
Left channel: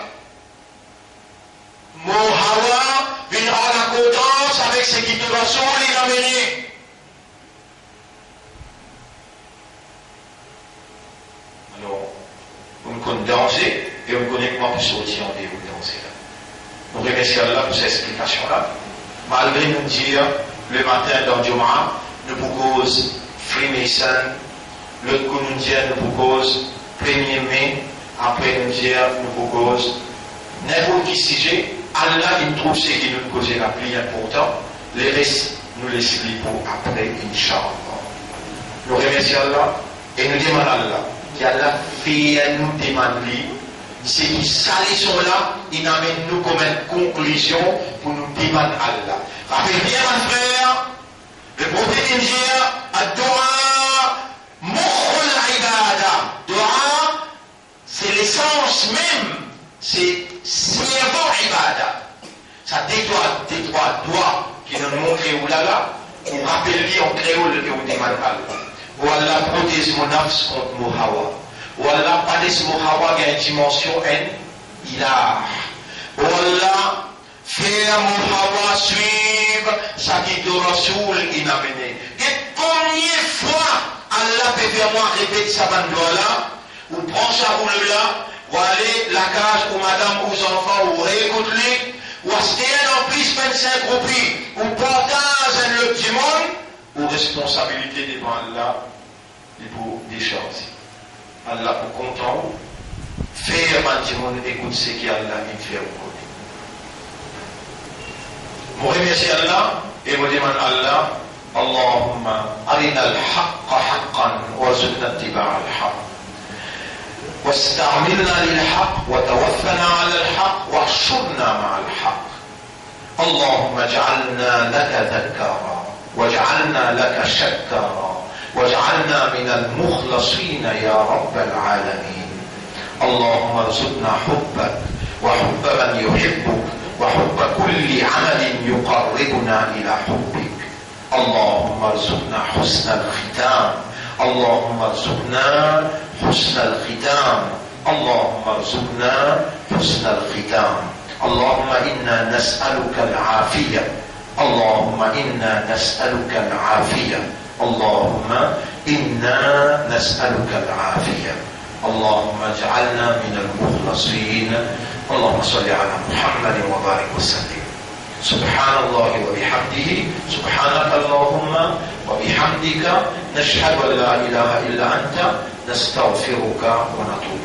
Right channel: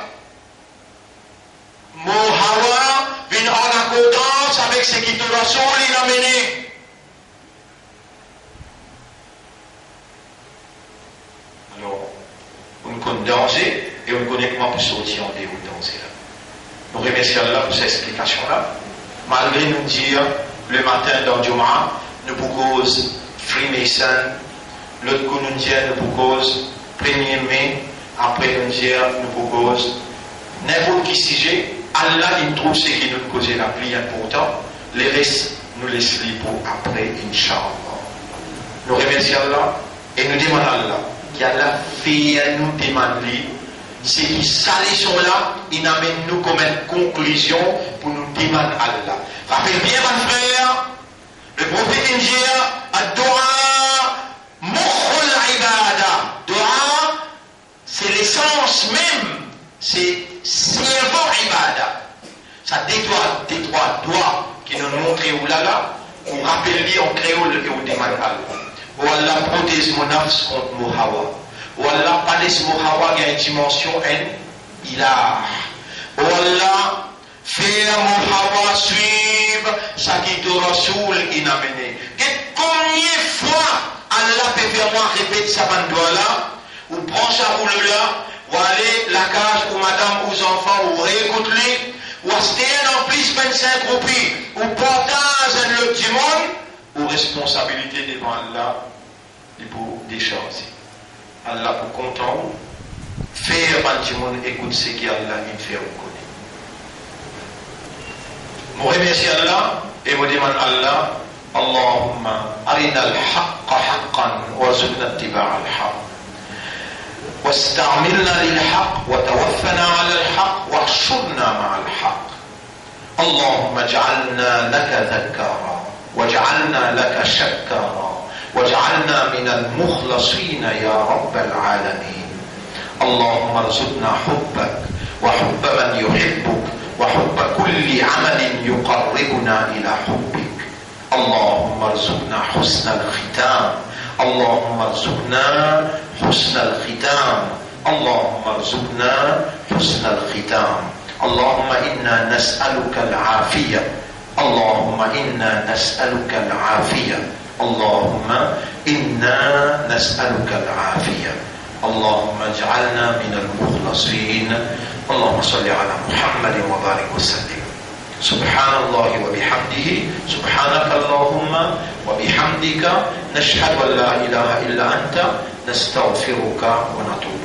mon hawa, venir en accordance avec ce qui te rassure, il a mené. Alors, on connaît danger et on connaît comment pour sortir en déroute danger. Nous remercions Allah pour cette explication-là. Malgré nous dire, le matin dans Juma, nous proposons Freemason, l'autre coup nous dit, nous proposons 1er mai, après nous dire, nous proposons n'importe qui sujet, Allah il trouve ce qui nous cause la plus important, les restes nous laissons pour après, Inch'Allah. Nous remercions Allah et nous demandons à Allah qu'Allah fait nous demander. C'est qui salés sont là, il amène nous comme une conclusion pour nous demander Allah. Rappelez bien, mon frère, le prophète dit Ad-Doa, Mukhul Ibada. Doa, c'est l'essence même, c'est servant Ibada. Ça des trois doigts qui nous montrent où là, pour rappeler en créole que vous demandez Allah. Ou Allah protège mon âme contre mon hawa. Wallah, pas des mots hawa, il y a une dimension il a. Wallah, faire mon hawa suivre, ça qui te rasoul, il a mené. Et combien de fois Allah peut faire moi répéter ça là, ou prendre ça pour le là, ou aller la case ou madame ou enfants, ou réécouter, ou acheter en plus 25 roupies, ou partage un autre du monde, ou responsabilité devant Allah, pour décharger. Allah pour content, faire quand tout le monde écoute ce qu'Allah il fait au côté. Je remercie Allah et je demande à Allah, Allahumma arina al-haqqa haqqan warzuqna ittiba'a al-haqq. واستعملنا للحق وتوفنا على الحق واحشرنا مع الحق. اللهم اجعلنا لك ذكارا واجعلنا لك شكارا واجعلنا من المخلصين يا رب العالمين. اللهم ارزقنا حبك وحب من يحبك وحب كل عمل يقربنا إلى حبك. اللهم ارزقنا حسن الختام. اللهم ارزقنا حسن الختام. اللهم ارزقنا حسن الختام. اللهم إنا نسألك العافية. اللهم إنا نسألك العافية. اللهم إنا نسألك العافية. اللهم اجعلنا من المخلصين. اللهم صل على محمد وبارك وسلم. سبحان الله وبحمده سبحانك اللهم وبحمدك نشهد أن لا إله إلا أنت نستغفرك ونتوب